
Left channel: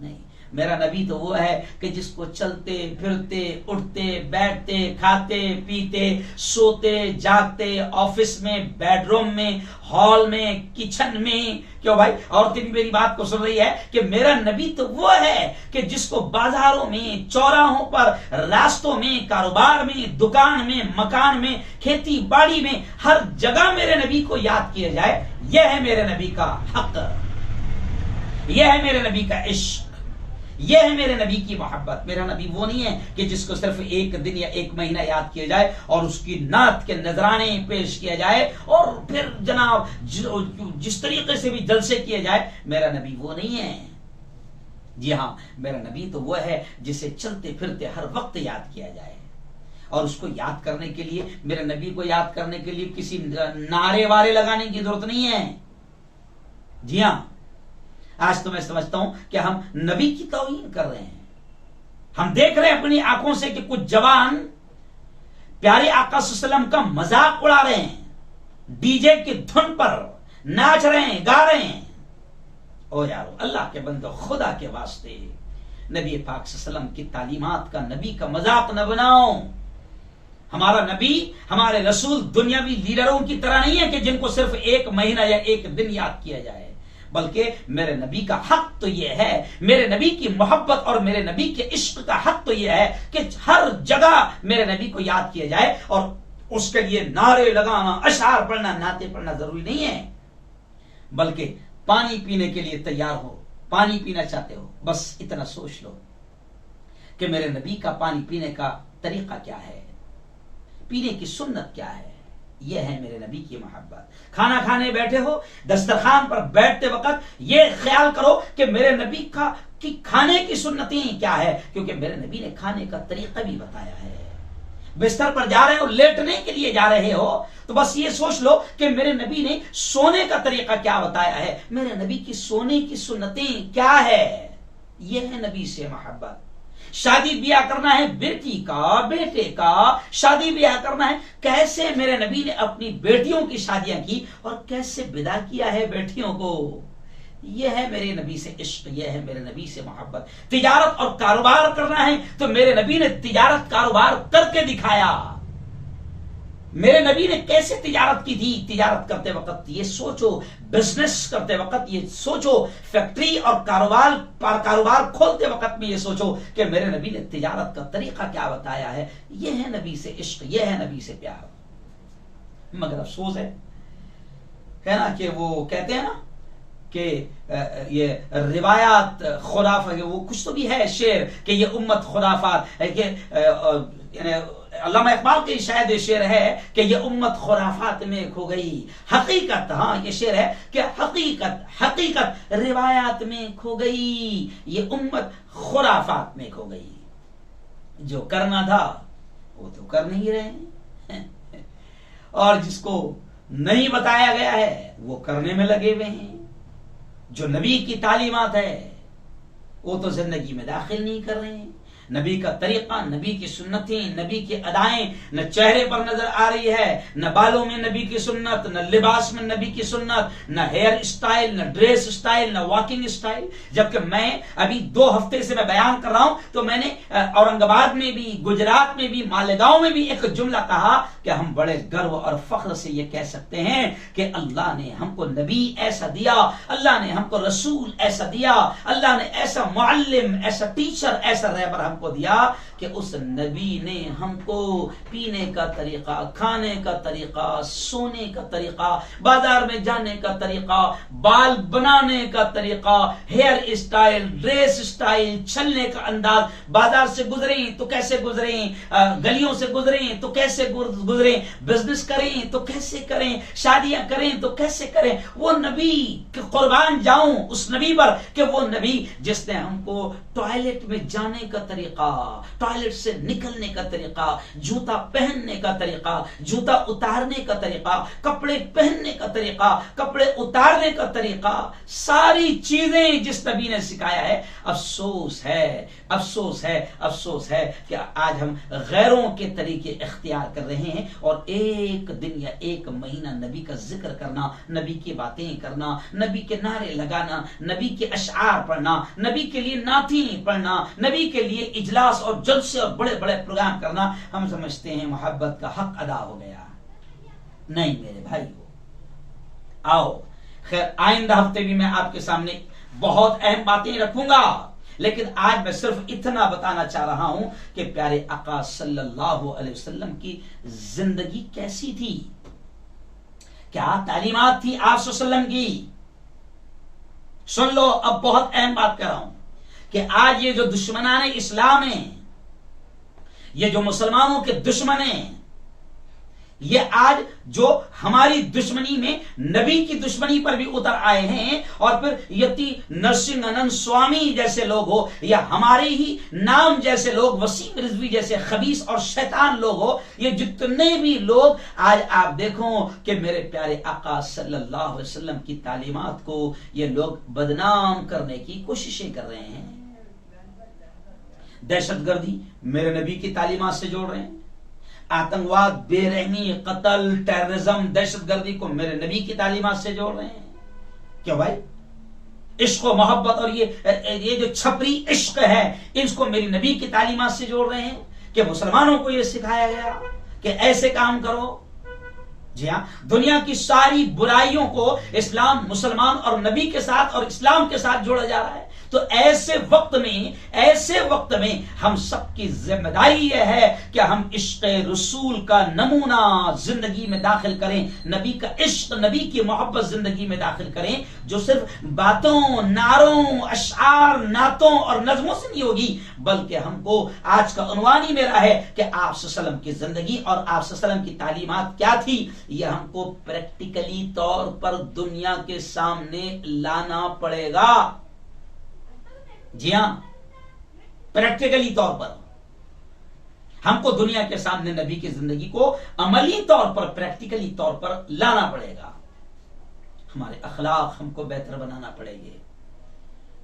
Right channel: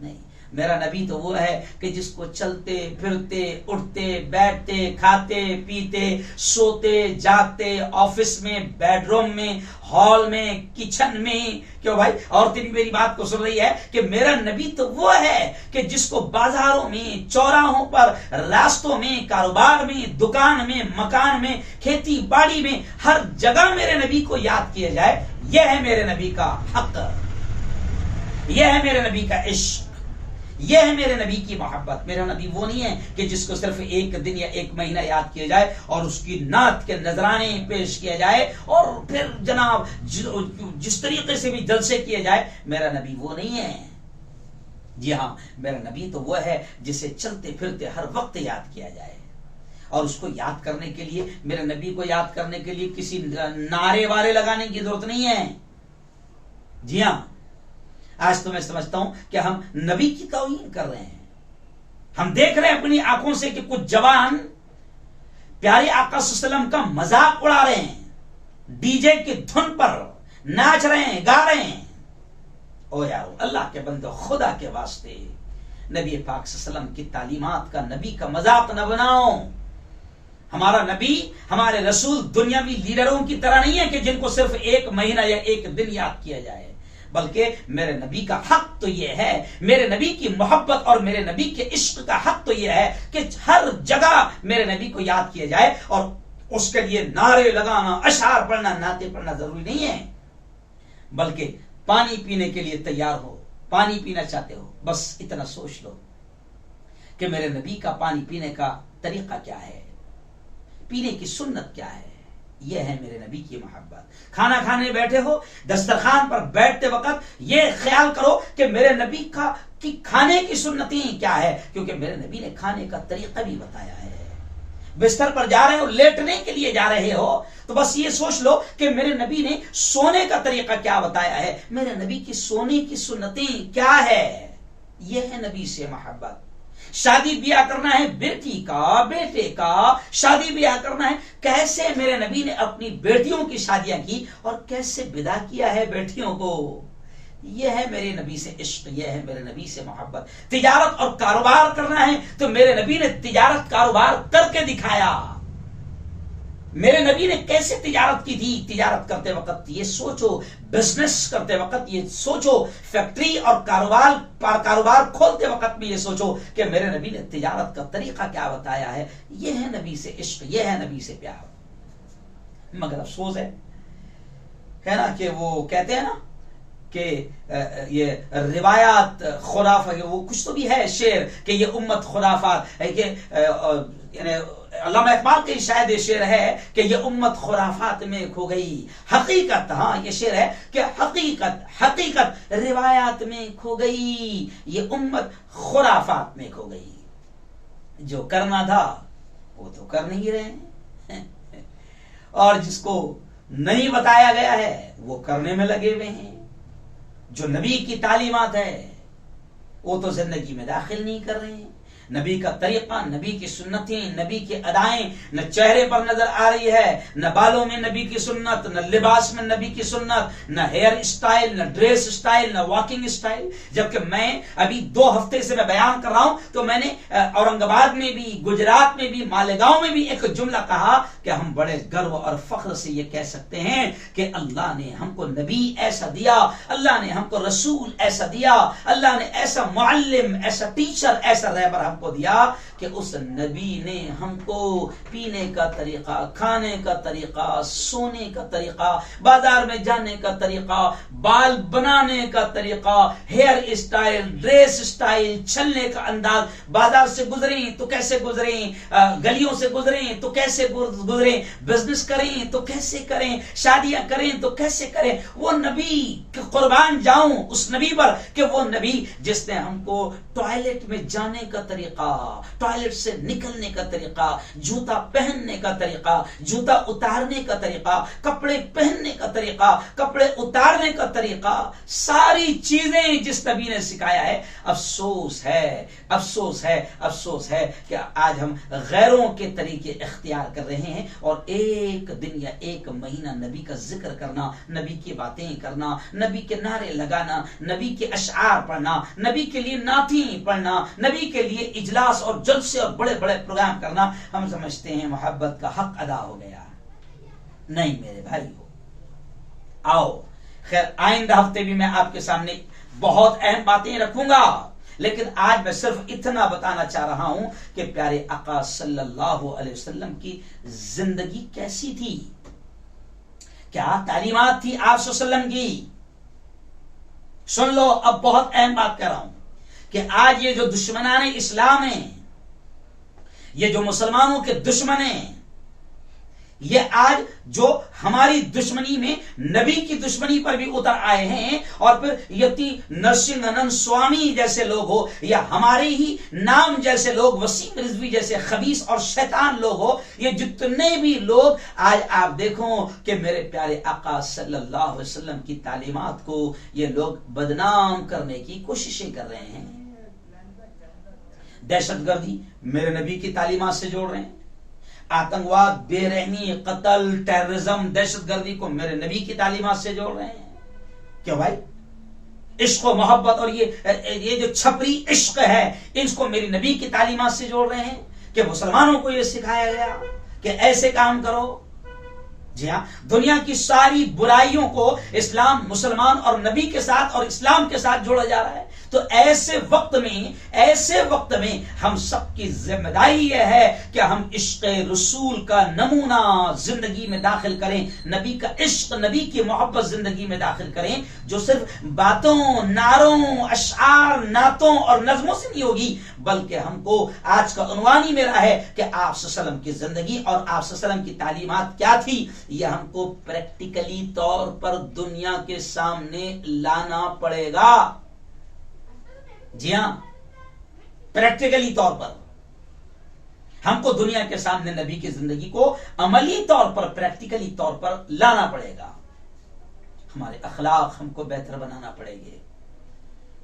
नहीं, मेरा नबी तो वो है कि जिसको चलते फिरते, उठते बैठते, खाते पीते, सोते जागते, ऑफिस में, बेडरूम में, हॉल में, किचन में, क्यों भाई औरतें भी मेरी बात को सुन रही है कि मेरा नबी तो वो है कि जिसको बाजारों में, चौराहों पर, रास्तों में, कारोबार में, दुकान में, मकान में, खेती बाड़ी में, हर जगह मेरे नबी को याद किया जाए। यह है मेरे नबी का हक, यह है मेरे नबी का इश्क, यह है मेरे नबी की मोहब्बत। मेरा नबी वो नहीं है कि जिसको सिर्फ एक दिन या एक महीना याद किया जाए और उसकी नात के नजराने पेश किया जाए और फिर जनाब जिस तरीके से भी जलसे किए जाए। मेरा नबी वो नहीं है। जी हां, मेरा नबी तो वो है जिसे चलते फिरते हर वक्त याद किया जाए। और उसको याद करने के लिए, मेरे नबी को याद करने के लिए किसी नारे वारे लगाने की जरूरत नहीं है। जी हां, आज तो मैं समझता हूं कि हम नबी की तौहीन कर रहे हैं। हम देख रहे हैं अपनी आंखों से कि कुछ जवान प्यारे आका सल्लल्लाहु अलैहि वसल्लम का मजाक उड़ा रहे हैं, डीजे की धुन पर नाच रहे हैं, गा रहे हैं। ओ यारो, अल्लाह के बंदो, खुदा के वास्ते नबी पाक सल्लल्लाहु अलैहि वसल्लम की तालीमात का, नबी का मजाक न बनाओ। हमारा नबी, हमारे रसूल दुनियावी लीडरों की तरह नहीं है कि जिनको सिर्फ एक महीना या एक दिन याद किया जाए, बल्कि मेरे नबी का हक तो यह है, मेरे नबी की मोहब्बत और मेरे नबी के इश्क का हक तो यह है कि हर जगह मेरे नबी को याद किया जाए। और उसके लिए नारे लगाना, अशार पढ़ना, नाते पढ़ना जरूरी नहीं है, बल्कि पानी पीने के लिए तैयार हो, पानी पीना चाहते हो, बस इतना सोच लो कि मेरे नबी का पानी पीने का तरीका क्या है, पीने की सुन्नत क्या है। यह है मेरे नबी की मोहब्बत। खाना खाने बैठे हो, दस्तरखान पर बैठते वक्त यह ख्याल करो कि मेरे नबी का कि खाने की सुन्नतें क्या है, क्योंकि मेरे नबी ने खाने का तरीका भी बताया है। बिस्तर पर जा रहे हो, लेटने के लिए जा रहे हो, तो बस ये सोच लो कि मेरे नबी ने सोने का तरीका क्या बताया है, मेरे नबी की सोने की सुन्नतें क्या है। यह है नबी से मोहब्बत। शादी ब्याह करना है बेटी का, बेटे का, शादी ब्याह करना है, कैसे मेरे नबी ने अपनी बेटियों की शादियां की और कैसे विदा किया है बेटियों को। यह है मेरे नबी से इश्क, यह है मेरे नबी से मोहब्बत। तिजारत और कारोबार करना है तो मेरे नबी ने तिजारत कारोबार करके दिखाया। मेरे नबी ने कैसे तिजारत की थी। तिजारत करते वक्त ये सोचो, बिजनेस करते वक्त ये सोचो, फैक्ट्री और कारोबार खोलते वक्त भी ये सोचो कि मेरे नबी ने तिजारत का तरीका क्या बताया है। यह है नबी से इश्क, यह है नबी से प्यार। मगर अफसोस है ना कि वो कहते हैं ना कि ये रिवायात खुराफा, वो कुछ तो भी है शेर कि ये उम्मत खुराफात है कि अल्लामा इकबाल की शायद ये शेर है कि ये उम्मत खुराफात में खो गई। हकीकत, हाँ ये शेर है कि हकीकत रिवायात में खो गई, ये उम्मत खुराफात में खो गई। जो करना था वो तो कर नहीं रहे हैं और जिसको नहीं बताया गया है वो करने में लगे हुए हैं। जो नबी की तालीमात है वो तो जिंदगी में दाखिल नहीं कर रहे हैं। नबी का तरीका, नबी की सुन्नतें, नबी की अदाएं न चेहरे पर नजर आ रही है, न बालों में नबी की सुन्नत, न लिबास में नबी की सुन्नत, न हेयर स्टाइल, न ड्रेस स्टाइल, न वॉकिंग स्टाइल। जबकि मैं अभी 2 हफ्ते से मैं बयान कर रहा हूं तो मैंने औरंगाबाद में भी, गुजरात में भी, मालेगांव में भी एक जुमला कहा कि हम बड़े गर्व और फख्र से ये कह सकते हैं कि अल्लाह ने हमको नबी ऐसा दिया, अल्लाह ने हमको रसूल ऐसा दिया, अल्लाह ने ऐसा मुअल्लिम, ऐसा टीचर, ऐसा रहबर हमको दिया कि उस नबी ने हमको पीने का तरीका, खाने का तरीका, सोने का तरीका, बाजार में जाने का तरीका, बाल बनाने का तरीका, हेयर स्टाइल, ड्रेस स्टाइल, चलने का अंदाज, बाजार से गुजरे तो कैसे गुजरे, गलियों से गुजरे तो कैसे गुजरे, बिजनेस करें तो कैसे करें, शादियां करें तो कैसे करें, वो नबी कुर्बान जाऊं उस नबी पर कि वो नबी जिसने हमको टॉयलेट में जाने का तरीका, टॉयलेट से निकलने का तरीका, जूता पहनने का तरीका, जूता उतारने का तरीका, कपड़े पहनने का तरीका, कपड़े उतारने का तरीका, सारी चीजें जिस नबी ने सिखाया है। अफसोस है, अफसोस है, अफसोस है कि आज हम गैरों के तरीके इख्तियार कर रहे हैं और एक दिन या एक महीना नबी का जिक्र करना, नबी की बातें करना, नबी के नारे लगाना, नबी के अशआर पढ़ना, नबी के लिए नाती पढ़ना, नबी के लिए इजलास और जलसे और बड़े बड़े प्रोग्राम करना, हम समझते हैं मोहब्बत का हक अदा हो गया। नहीं मेरे भाइयों, आओ खैर आइंदा हफ्ते भी मैं आपके सामने बहुत अहम बातें रखूंगा, लेकिन आज मैं सिर्फ इतना बताना चाह रहा हूं कि प्यारे आका सल्लल्लाहु अलैहि वसल्लम की जिंदगी कैसी थी, क्या तालीमात थी आप सल्लल्लाहु अलैहि वसल्लम की। सुन लो, अब बहुत अहम बात कर रहा हूं कि आज ये जो दुश्मनाने इस्लाम है, ये जो मुसलमानों के दुश्मन हैं, ये आज जो हमारी दुश्मनी में नबी की दुश्मनी पर भी उतर आए हैं, और फिर यति नरसिंहानंद स्वामी जैसे लोग हो या हमारे ही नाम जैसे लोग, वसीम रिजवी जैसे खबीस और शैतान लोग हो, ये जितने भी लोग आज आप देखो कि मेरे प्यारे आका सल्लल्लाहु अलैहि वसल्लम की तालीमात को ये लोग बदनाम करने की कोशिशें कर रहे हैं। दहशतगर्दी मेरे नबी की तालीमात से जोड़ रहे हैं, आतंकवाद, बेरहमी, कत्ल, टेररिज्म, दहशतगर्दी को मेरे नबी की तालीमात से जोड़ रहे हैं। क्यों भाई? इश्क और मोहब्बत और ये जो छपरी इश्क है, इसको मेरी नबी की तालीमात से जोड़ रहे हैं कि मुसलमानों को ये सिखाया गया कि ऐसे काम करो। जी हाँ, दुनिया की सारी बुराइयों को इस्लाम, मुसलमान और नबी के साथ और इस्लाम के साथ जोड़ा जा रहा है। तो ऐसे वक्त में हम सबकी जिम्मेदारी यह है कि हम इश्क रसूल का नमूना जिंदगी में दाखिल करें, नबी का इश्क, नबी की मोहब्बत जिंदगी में दाखिल करें, जो सिर्फ बातों, नारों, अशआर, नातों और नज़मों से नहीं होगी, बल्कि हमको आज का उन्वान ही मेरा है कि आप सल्लल्लाहु अलैहि वसल्लम की जिंदगी और आप सल्लल्लाहु अलैहि वसल्लम की तालीमात क्या थी, यह हमको प्रैक्टिकली तौर पर दुनिया के सामने लाना पड़ेगा। जी हां, प्रैक्टिकली तौर पर हमको दुनिया के सामने नबी की जिंदगी को अमली तौर पर, प्रैक्टिकली तौर पर लाना पड़ेगा। हमारे अखलाक हमको बेहतर बनाना पड़ेंगे,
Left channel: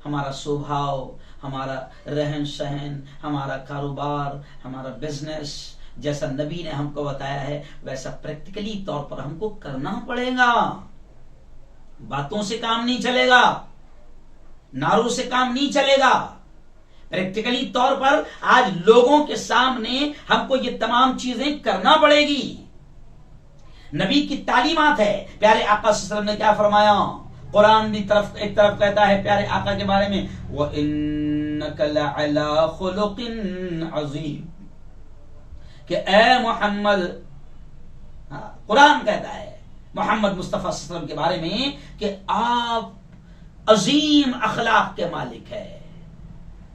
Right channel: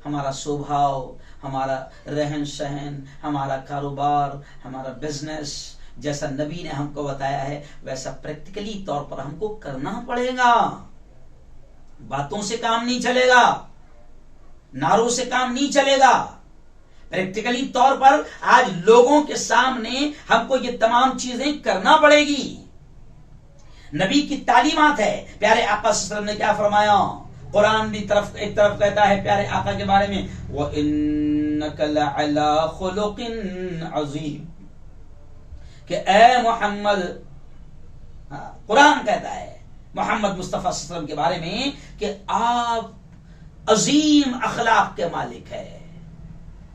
हमारा स्वभाव, हमारा रहन सहन, हमारा कारोबार, हमारा बिजनेस, जैसा नबी ने हमको बताया है वैसा प्रैक्टिकली तौर पर हमको करना पड़ेगा। बातों से काम नहीं चलेगा, नारों से काम नहीं चलेगा। प्रैक्टिकली तौर पर आज लोगों के सामने हमको ये तमाम चीजें करना पड़ेगी। नबी की तालीमात है। प्यारे आका सल्लल्लाहु अलैहि वसल्लम ने क्या फरमाया? कुरान भी एक तरफ कहता है प्यारे आका के बारे में, व इन्नका लअला खुलुकिन अज़ीम, कि ए मोहम्मद, कुरान कहता है मोहम्मद मुस्तफा सल्लल्लाहु अलैहि वसल्लम के बारे में कि आप अजीम अखलाक के मालिक है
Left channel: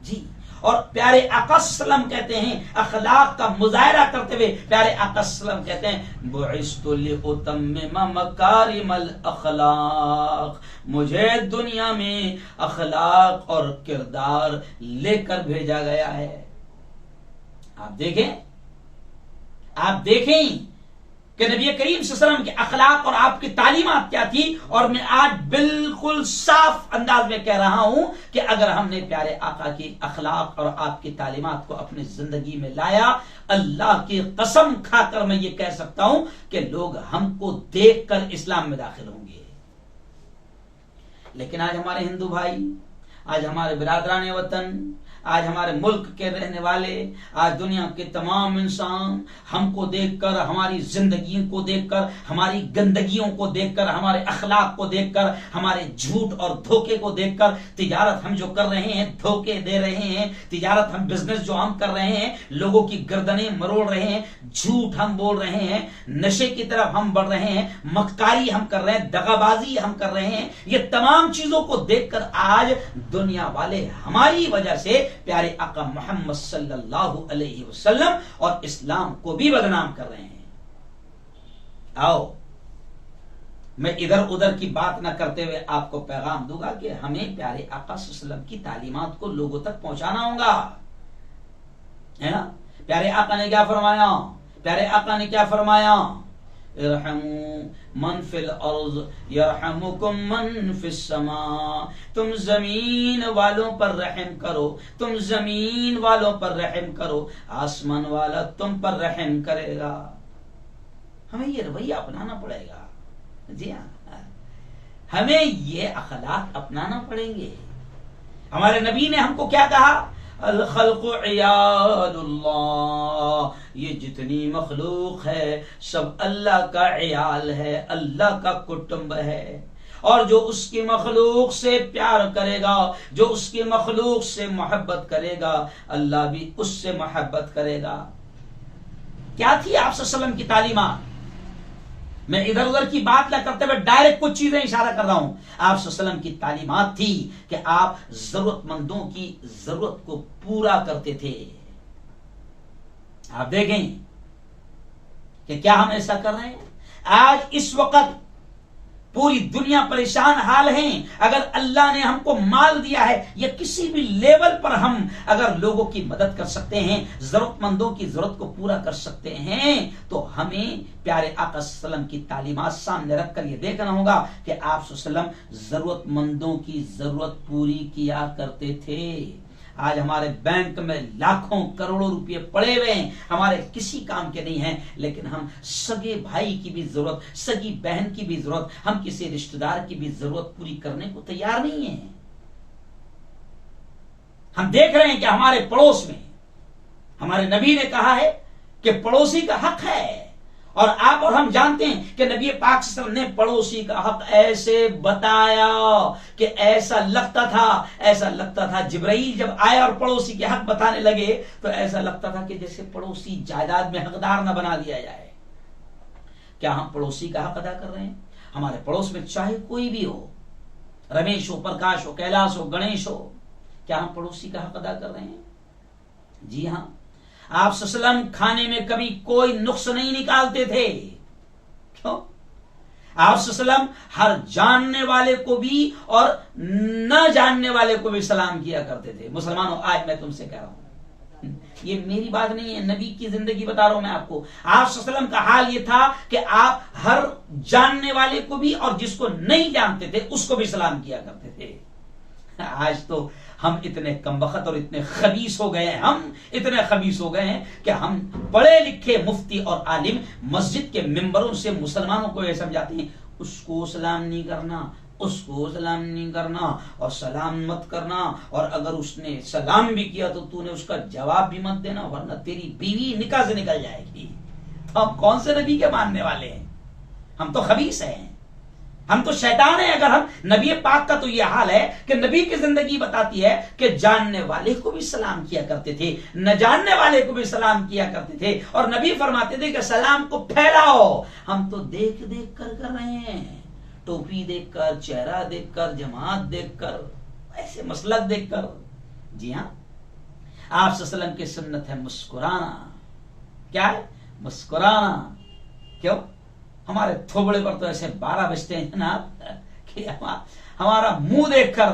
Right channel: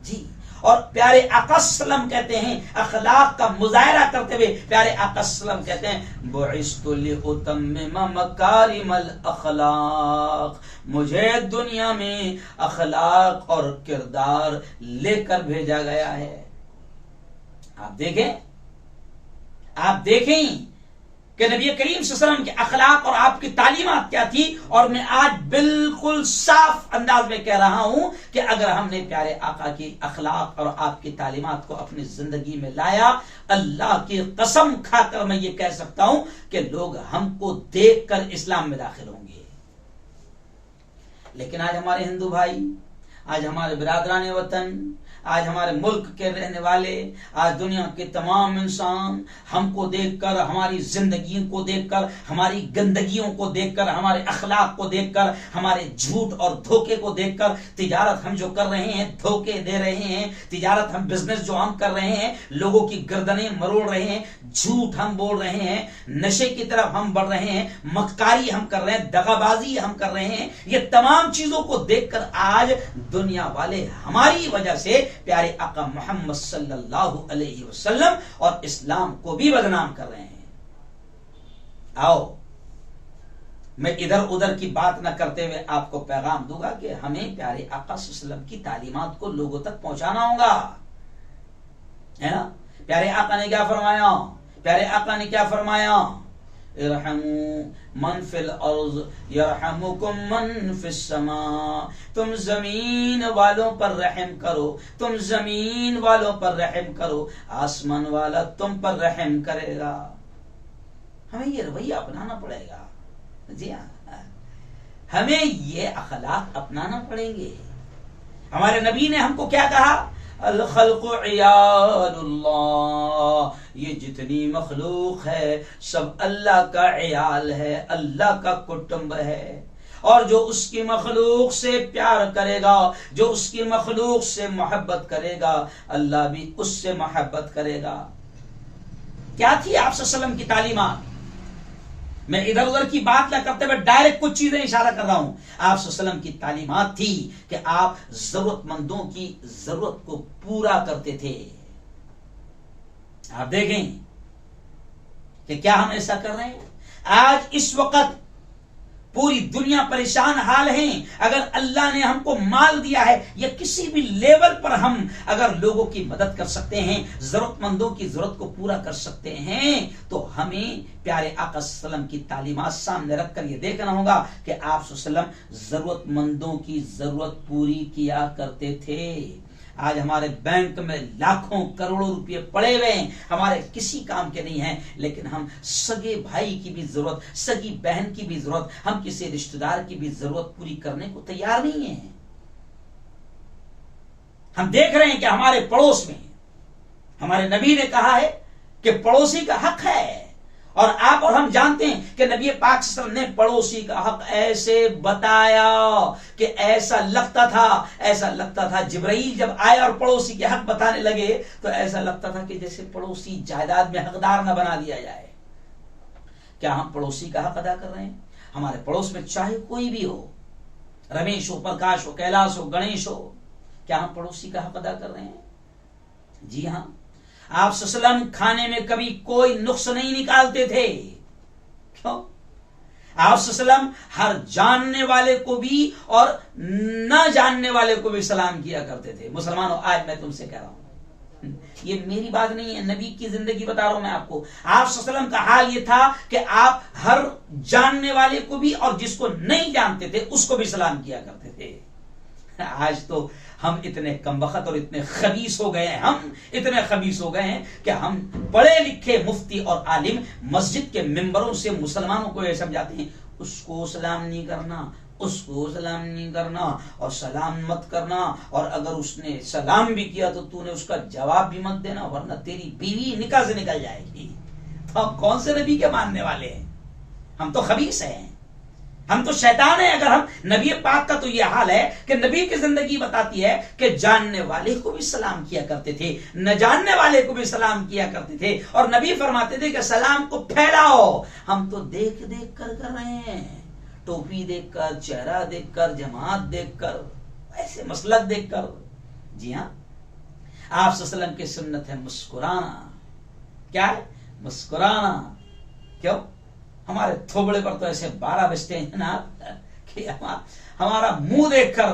जी। और प्यारे आका सल्लल्लाहु अलैहि वसल्लम कहते हैं, अखलाक का मुजाहरा करते हुए प्यारे आका सल्लल्लाहु अलैहि वसल्लम कहते हैं, बुइस्तु लिउतम्मिम मकारिमल अखलाक, मुझे दुनिया में अखलाक और किरदार लेकर भेजा गया है। आप देखें कि नबी करीम सल्लल्लाहु अलैहि वसल्लम के अखलाक और आपकी तालीमात क्या थी। और मैं आज बिल्कुल साफ अंदाज में कह रहा हूं कि अगर हमने प्यारे आका की अखलाक और आपकी तालीमात को अपनी जिंदगी में लाया, अल्लाह की कसम खाकर मैं ये कह सकता हूं कि लोग हमको देखकर इस्लाम में दाखिल होंगे। लेकिन आज हमारे हिंदू भाई, आज हमारे बिरादरान वतन, आज हमारे मुल्क के रहने वाले, आज दुनिया के तमाम इंसान हमको देखकर, हमारी जिंदगी को देखकर, हमारी गंदगियों को देखकर, हमारे अखलाक को देखकर, हमारे झूठ और धोखे को देखकर, तिजारत हम जो कर रहे हैं, धोखे दे रहे हैं, तिजारत हम बिजनेस जो हम कर रहे हैं, लोगों की गर्दनें मरोड़ रहे हैं, झूठ हम बोल रहे हैं, नशे की तरफ हम बढ़ रहे हैं, मक्कारी हम कर रहे हैं, दगाबाजी हम कर रहे हैं, ये तमाम चीजों को देखकर आज दुनिया वाले हमारी वजह से प्यारे आका मोहम्मद सल्लल्लाहु अलैहि वसल्लम और इस्लाम को भी बदनाम कर रहे हैं। आओ, मैं इधर उधर की बात न करते हुए आपको पैगाम दूंगा कि हमें प्यारे आका सल्लल्लाहु अलैहि वसल्लम की तालीमात को लोगों तक पहुंचाना होगा, है ना। प्यारे आका ने क्या फरमाया? प्यारे आका ने क्या फरमाया? इरहमू मन फिल अर्ज़ यरहमुकुम मन फिस समा। तुम जमीन वालों पर रहम करो, तुम जमीन वालों पर रहम करो, आसमान वाला तुम पर रहम करेगा। हमें ये रवैया अपनाना पड़ेगा। जी हाँ, हमें ये अखलाक अपनाना पड़ेंगे। हमारे नबी ने हमको क्या कहा? अल खल्क़ु इयालुल्लाह, ये जितनी मखलूक है सब अल्लाह का इयाल है, अल्लाह का कुटुंब है। और जो उसकी मखलूक से प्यार करेगा, जो उसकी मखलूक से मोहब्बत करेगा, अल्लाह भी उससे मोहब्बत करेगा। क्या थी आप सल्लल्लाहु अलैहि वसल्लम की तालीमात? मैं इधर उधर की बात न करते हुए डायरेक्ट कुछ चीजें इशारा कर रहा हूं। आप सल्लल्लाहु अलैहि वसल्लम की तालीमात थी कि आप जरूरतमंदों की जरूरत को पूरा करते थे। आप देखें कि क्या हम ऐसा कर रहे हैं? आज इस वक्त पूरी दुनिया परेशान हाल है। अगर अल्लाह ने हमको माल दिया है या किसी भी लेवल पर हम अगर लोगों की मदद कर सकते हैं, जरूरतमंदों की जरूरत को पूरा कर सकते हैं, तो हमें प्यारे आका सल्लल्लाहु अलैहि वसल्लम की तालीमात सामने रखकर यह देखना होगा कि आप सल्लल्लाहु अलैहि वसल्लम जरूरतमंदों की जरूरत पूरी किया करते थे। आज हमारे बैंक में लाखों करोड़ों रुपए पड़े हुए हैं, हमारे किसी काम के नहीं हैं, लेकिन हम सगे भाई की भी जरूरत, सगी बहन की भी जरूरत, हम किसी रिश्तेदार की भी जरूरत पूरी करने को तैयार नहीं है। हम देख रहे हैं कि हमारे पड़ोस में हमारे नबी ने कहा है कि पड़ोसी का हक है, और आप और हम जानते हैं कि नबी पाक सल्लल्लाहु अलैहि वसल्लम ने पड़ोसी का हक ऐसे बताया कि ऐसा लगता था जिब्राईल जब आए और पड़ोसी के हक बताने लगे तो ऐसा लगता था कि जैसे पड़ोसी जायदाद में हकदार न बना दिया जाए। क्या हम पड़ोसी का हक अदा कर रहे हैं? हमारे पड़ोस में चाहे कोई भी हो, रमेश हो, प्रकाश हो, कैलाश हो, गणेश हो, क्या हम पड़ोसी का हक अदा कर रहे हैं? जी हाँ। आप सल्लल्लाहु अलैहि वसल्लम खाने में कभी कोई नुक्स नहीं निकालते थे। क्यों? आप सल्लल्लाहु अलैहि वसल्लम हर जानने वाले को भी और न जानने वाले को भी सलाम किया करते थे। मुसलमानों, आज मैं तुमसे कह रहा हूं, ये मेरी बात नहीं है, नबी की जिंदगी बता रहा हूं मैं आपको। आप सल्लल्लाहु अलैहि वसल्लम का हाल ये था कि आप हर जानने वाले को भी और जिसको नहीं जानते थे उसको भी सलाम किया करते थे। आज तो हम इतने कमबख्त और इतने खबीस हो गए हैं, हम इतने खबीस हो गए हैं कि हम पढ़े लिखे मुफ्ती और आलिम मस्जिद के मिंबरों से मुसलमानों को यह समझाते हैं, उसको सलाम नहीं करना, उसको सलाम नहीं करना, और सलाम मत करना, और अगर उसने सलाम भी किया तो तूने उसका जवाब भी मत देना, वरना तेरी बीवी निकाह से निकल जाएगी। तो हम कौन से नबी के मानने वाले हैं? हम तो खबीस हैं, हम तो शैतान है। अगर हम नबी पाक का तो यह हाल है कि नबी की जिंदगी बताती है कि जानने वाले को भी सलाम किया करते थे, न जानने वाले को भी सलाम किया करते थे, और नबी फरमाते थे कि सलाम को फैलाओ। हम तो देख देख कर रहे हैं, टोपी देखकर, चेहरा देखकर, जमात देखकर, ऐसे मसलक देखकर। जी हाँ, आप सल्लल्लाहु अलैहि वसल्लम की सुन्नत है मुस्कुराना। क्या है? मुस्कुराना। क्यों? हमारे थोबड़े पर तो ऐसे 12 बजते हैं ना कि हमारा मुंह देखकर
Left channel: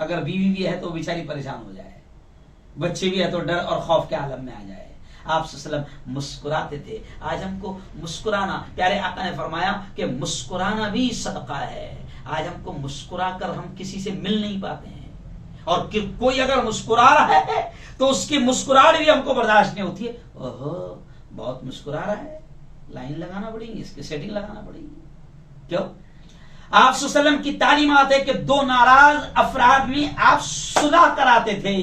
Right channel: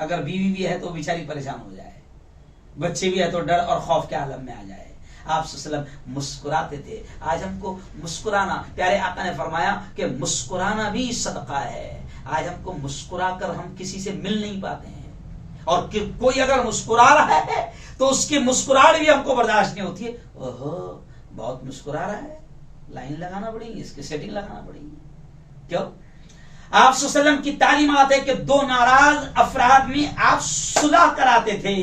अगर बीवी भी है तो बेचारी परेशान हो जाए, बच्चे भी है तो डर और खौफ के आलम में आ जाए। आप सल्लल्लाहु अलैहि वसल्लम मुस्कुराते थे। आज हमको मुस्कुराना, प्यारे आका ने फरमाया कि मुस्कुराना भी सदका है। आज हमको मुस्कुरा कर हम किसी से मिल नहीं पाते हैं, और कोई अगर मुस्कुरा रहा है तो उसकी मुस्कुराहट भी हमको बर्दाश्त नहीं होती है। ओहो, बहुत मुस्कुरा रहा है, लाइन लगाना पड़ेगी, इसकी सेटिंग लगाना पड़ेगी। क्यों? आप सल्लल्लाहु अलैहि वसल्लम की तालीमात है कि दो नाराज अफराद में आप सुलह कराते थे।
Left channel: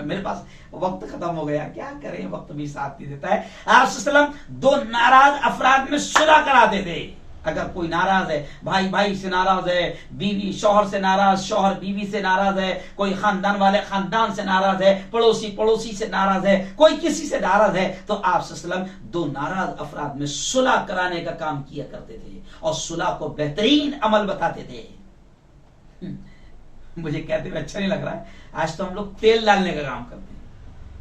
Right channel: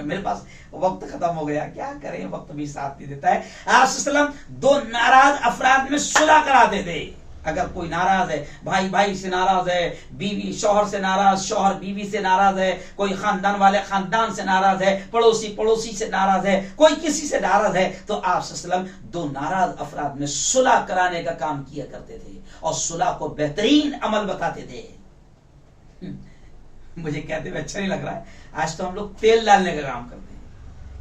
मेरे पास वक्त खत्म हो गया, क्या करें, वक्त भी साथ नहीं देता है। आप सल्लल्लाहु अलैहि वसल्लम दो नाराज अफराद में सुलह कराते थे। अगर कोई नाराज है, भाई भाई से नाराज है, बीवी शौहर से नाराज, शौहर बीवी से नाराज है, कोई खानदान वाले खानदान से नाराज है, पड़ोसी पड़ोसी से नाराज है, कोई किसी से नाराज है, तो आप सल्लल्लाहु अलैहि वसल्लम दो नाराज अफराद में सुलह कराने का काम किया करते थे और सुलह को बेहतरीन अमल बताते थे। मुझे कहते हुए अच्छा नहीं लग रहा है, आज तो हम लोग तेल डालने का काम करते हैं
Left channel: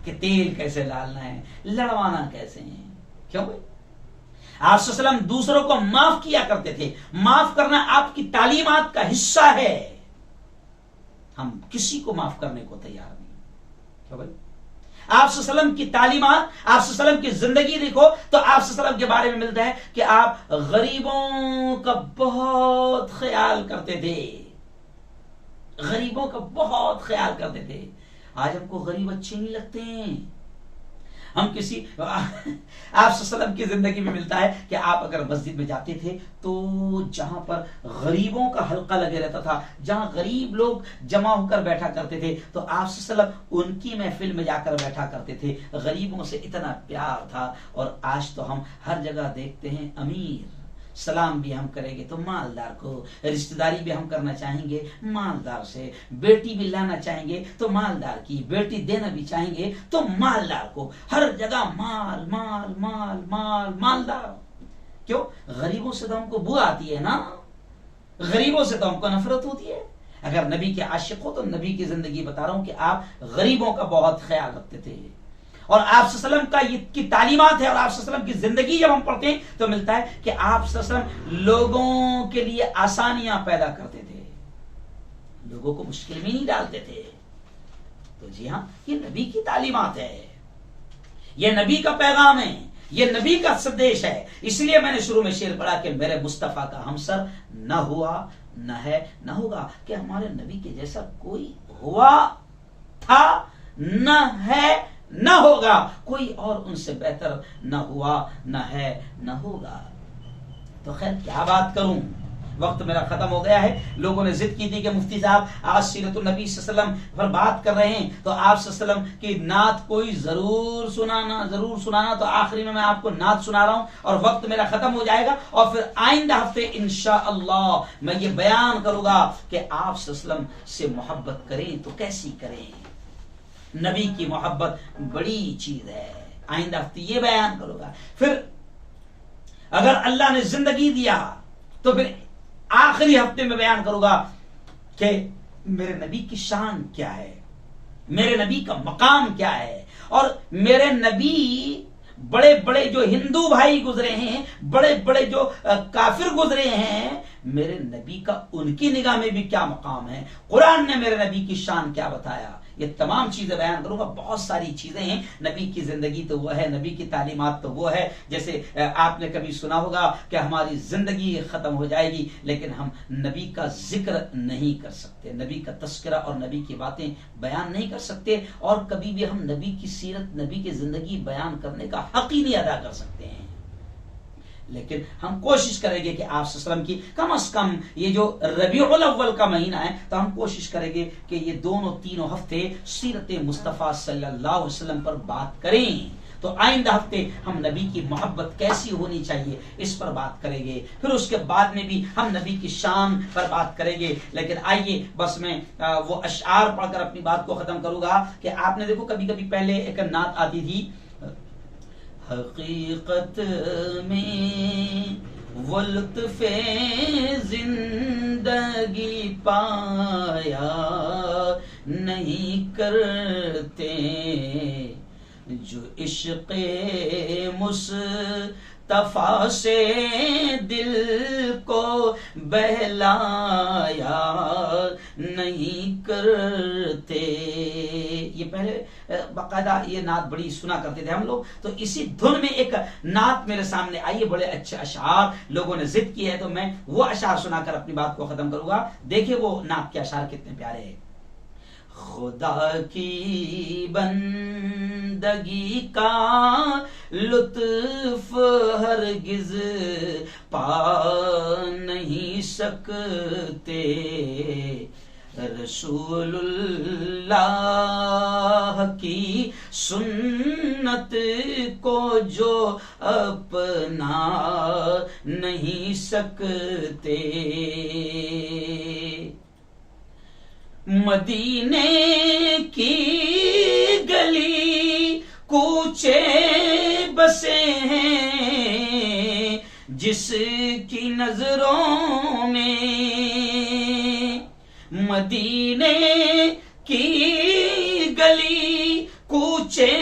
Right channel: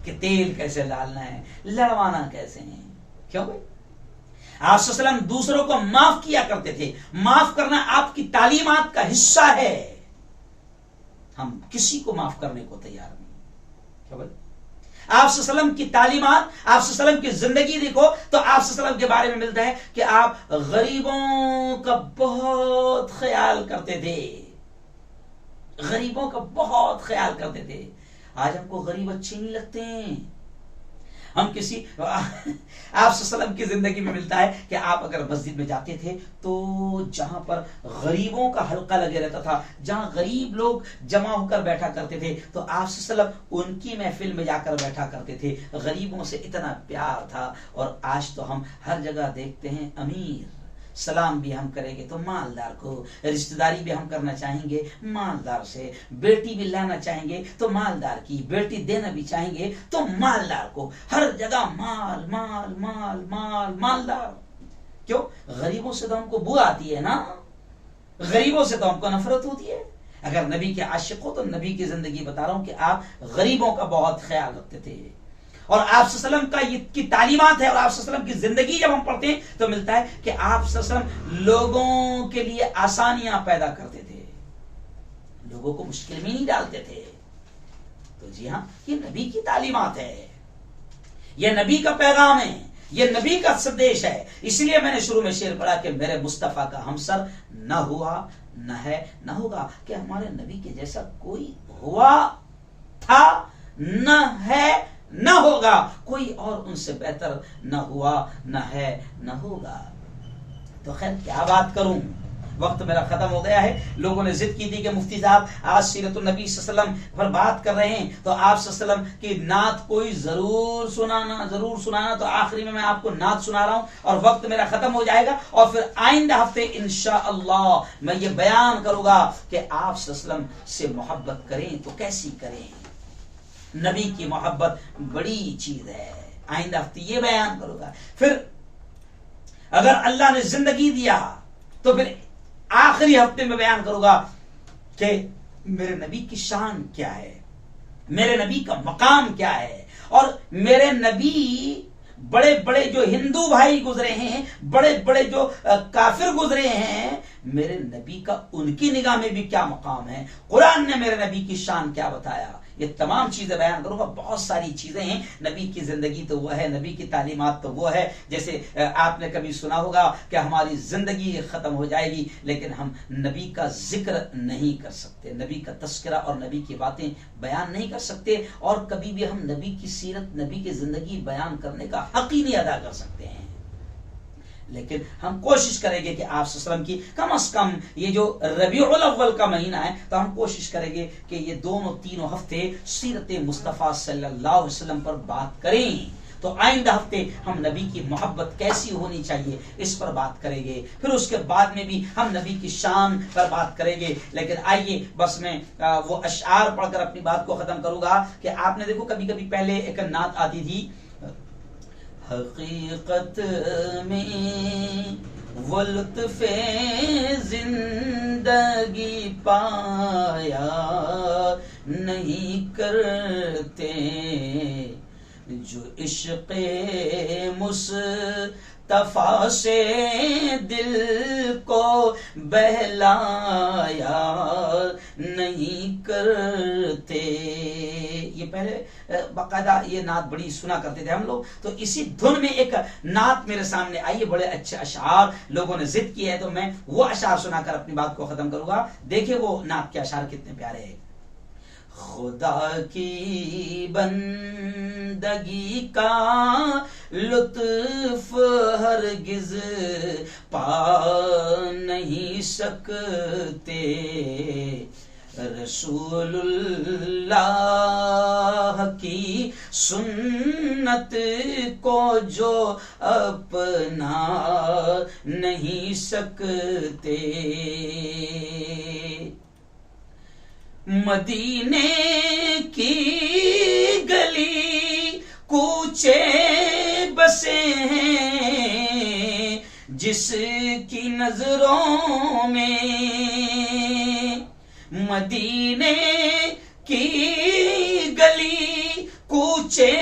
कि तेल कैसे डालना है, लड़वाना कैसे है। क्यों भाई? आप सल्लल्लाहु अलैहि वसल्लम दूसरों को माफ किया करते थे। माफ करना आपकी तालीमात का हिस्सा है। हम किसी को माफ करने को तैयार नहीं। क्या भाई? आप सल्लल्लाहु अलैहि वसल्लम की तालीमात, आप सल्लल्लाहु अलैहि वसल्लम की जिंदगी देखो तो आप सल्लल्लाहु अलैहि वसल्लम के बारे में मिलता है कि आप गरीबों का बहुत ख्याल करते थे। गरीबों का बहुत ख्याल करते थे। आज हमको गरीब अच्छे नहीं लगते हैं। हम किसी आप सल्लल्लाहु अलैहि वसल्लम की जिंदगी में मिलता है कि आप अगर मस्जिद में जाते थे तो जहां पर गरीबों का हल्का लगे रहता था, जहां गरीब लोग जमा होकर बैठा करते थे, तो आप सल्लल्लाहु अलैहि वसल्लम उनकी महफिल में जाकर बैठा करते थे। गरीबों से इतना प्यार था। और आज तो हम हर जगह देखते हैं अमीर, सलाम भी हम करेंगे तो मालदार को, रिश्तेदारी भी हम करना चाहेंगे मालदार से, बेटी भी लाना चाहेंगे तो मालदार की, बेटी देना भी चाहेंगे तो मालदार को। हर जगह माल माल माल माल मालदार। क्यों? गरीबों से तो हमको बू आती है ना, गरीबों से तो हमको नफरत होती है। अगर नबी के आशिक हो तो नबी की जिंदगी बता रहा हूं कि आप गरीबों का बहुत ख्याल रखते थे। और आप सल्लल्लाहु अलैहि वसल्लम की तालीमात है और आप सल्लल्लाहु अलैहि वसल्लम की जिंदगी जब हम पढ़ते हैं तो मिलता है कि आप सल्लल्लाहु अलैहि वसल्लम लोगों के लिए आसानियां पैदा करते थे, लोगों को मुश्किल में नहीं डालते थे। तो जी हाँ, ये नबी की तालीमात है, ये नबी का पैगाम है, ये नबी का संदेश है। इसलिए मैंने शुरू में शेर पढ़ा कि मेरे मुस्तफा का हमसर न हुआ, न है, न होगा। कि हमारे नबी के जैसा कोई हुआ, था, न है, न होगा। कोई और उनसे बेहतर न हुआ, न है, न होगा। तो खैर क्या बात करूं, वक्त मेरा खत्म हो गया है। लोगों ने जिद की थी कि मुफ्ती साहब आज सीरतुन नबी सल्लल्लाहु अलैहि वसल्लम पर बात कर रहे हैं तो आप सल्लल्लाहु अलैहि वसल्लम की नात कोई जरूर सुनाना। तो आखिरी में मैं आपको नात सुना रहा हूं और वक्त मेरा खत्म हो जाएगा और फिर आइंदा हफ्ते इंशाअल्लाह मैं ये बयान करूंगा कि आप सल्लल्लाहु अलैहि वसल्लम से मोहब्बत करें तो कैसी करें। नबी की मोहब्बत बड़ी चीज है। आइंदा हफ्ते ये बयान करूंगा। फिर अगर अल्लाह ने जिंदगी दिया तो फिर आखिरी हफ्ते में बयान करूंगा कि मेरे नबी की शान क्या है, मेरे नबी का मकाम क्या है। और मेरे नबी बड़े बड़े जो हिंदू भाई गुजरे हैं, बड़े बड़े जो काफिर गुजरे हैं, मेरे नबी का उनकी निगाह में भी क्या मकाम है, कुरान ने मेरे नबी की शान क्या बताया, ये तमाम चीजें बयान करूंगा। बहुत सारी चीजें हैं। नबी की जिंदगी तो वो है, नबी की तालीमात तो वो है। जैसे आपने कभी सुना होगा कि हमारी जिंदगी खत्म हो जाएगी लेकिन हम नबी का जिक्र नहीं कर सकते, नबी का तस्करा और नबी की बातें बयान नहीं कर सकते, और कभी भी हम नबी की सीरत, नबी की जिंदगी बयान करने का हक ही नहीं अदा कर सकते हैं। लेकिन हम कोशिश करेंगे कि आप सल्लम की कम से कम ये जो रबीउल अव्वल का महीना है तो हम कोशिश करेंगे कि ये दोनों तीनों हफ्ते सीरत मुस्तफ़ा सल्लल्लाहु अलैहि वसल्लम पर बात करें। तो आइंदा हफ्ते हम नबी की मोहब्बत कैसी होनी चाहिए इस पर बात करेंगे। फिर उसके बाद में भी हम नबी की शान पर बात करेंगे। लेकिन आइए बस मैं वो अशआर पढ़कर अपनी बात को खत्म करूंगा कि आपने देखो कभी कभी पहले एक नात आती थी, हकीकत में वो लुत्फ़े जिंदगी पाया नहीं करते जो इश्क़े मुस्तफ़ा मुस्तफा से दिल को बहलाया नहीं करते। ये पहले बाकायदा ये नात बड़ी सुना करते थे हम लोग। तो इसी धुन में एक नात मेरे सामने आई है, बड़े अच्छे अशार लोगों ने जिद किए है, तो मैं वो अशार सुनाकर अपनी बात को खत्म करूंगा। देखिए वो नात के अशार कितने प्यारे हैं। खुदा की बंदगी का लुत्फ हरगिज पा नहीं सकते, रसूलुल्लाह की सुन्नत को जो अपना नहीं सकते, मदीने की गली कूचे बसे हैं जिसकी नजरों में, मदीने की गली कूचे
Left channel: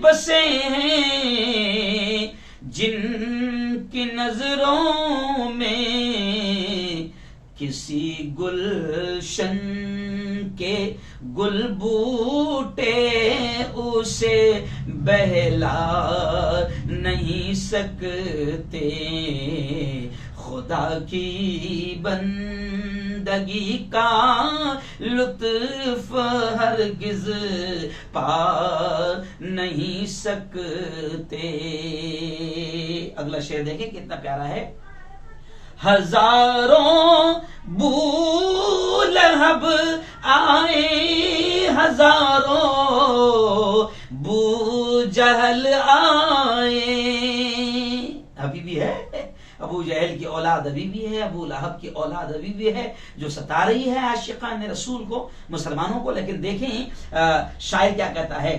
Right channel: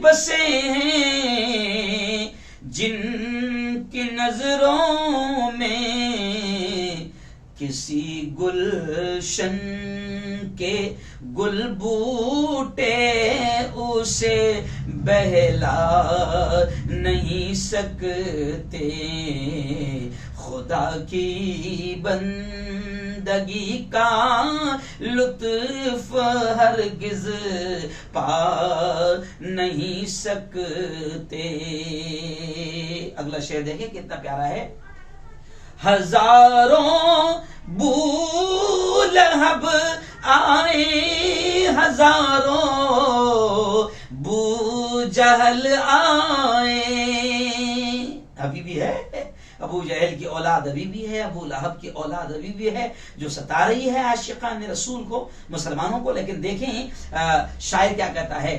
बसे हैं जिनकी नजरों में किसी गुलशन के गुल बूटे उसे बहला नहीं सकते, खुदा की बंदगी का लुत्फ हरगिज पा नहीं सकते। अगला शेर देखें कितना प्यारा है। हजारों बूलहब आए, हजारों बूजहल आए, अभी भी है अबू जहल की औलाद, अभी भी है अबू लहब की औलाद, अभी भी है जो सता रही है आशिकान रसूल को, मुसलमानों को। लेकिन देखें शायर क्या कहता है।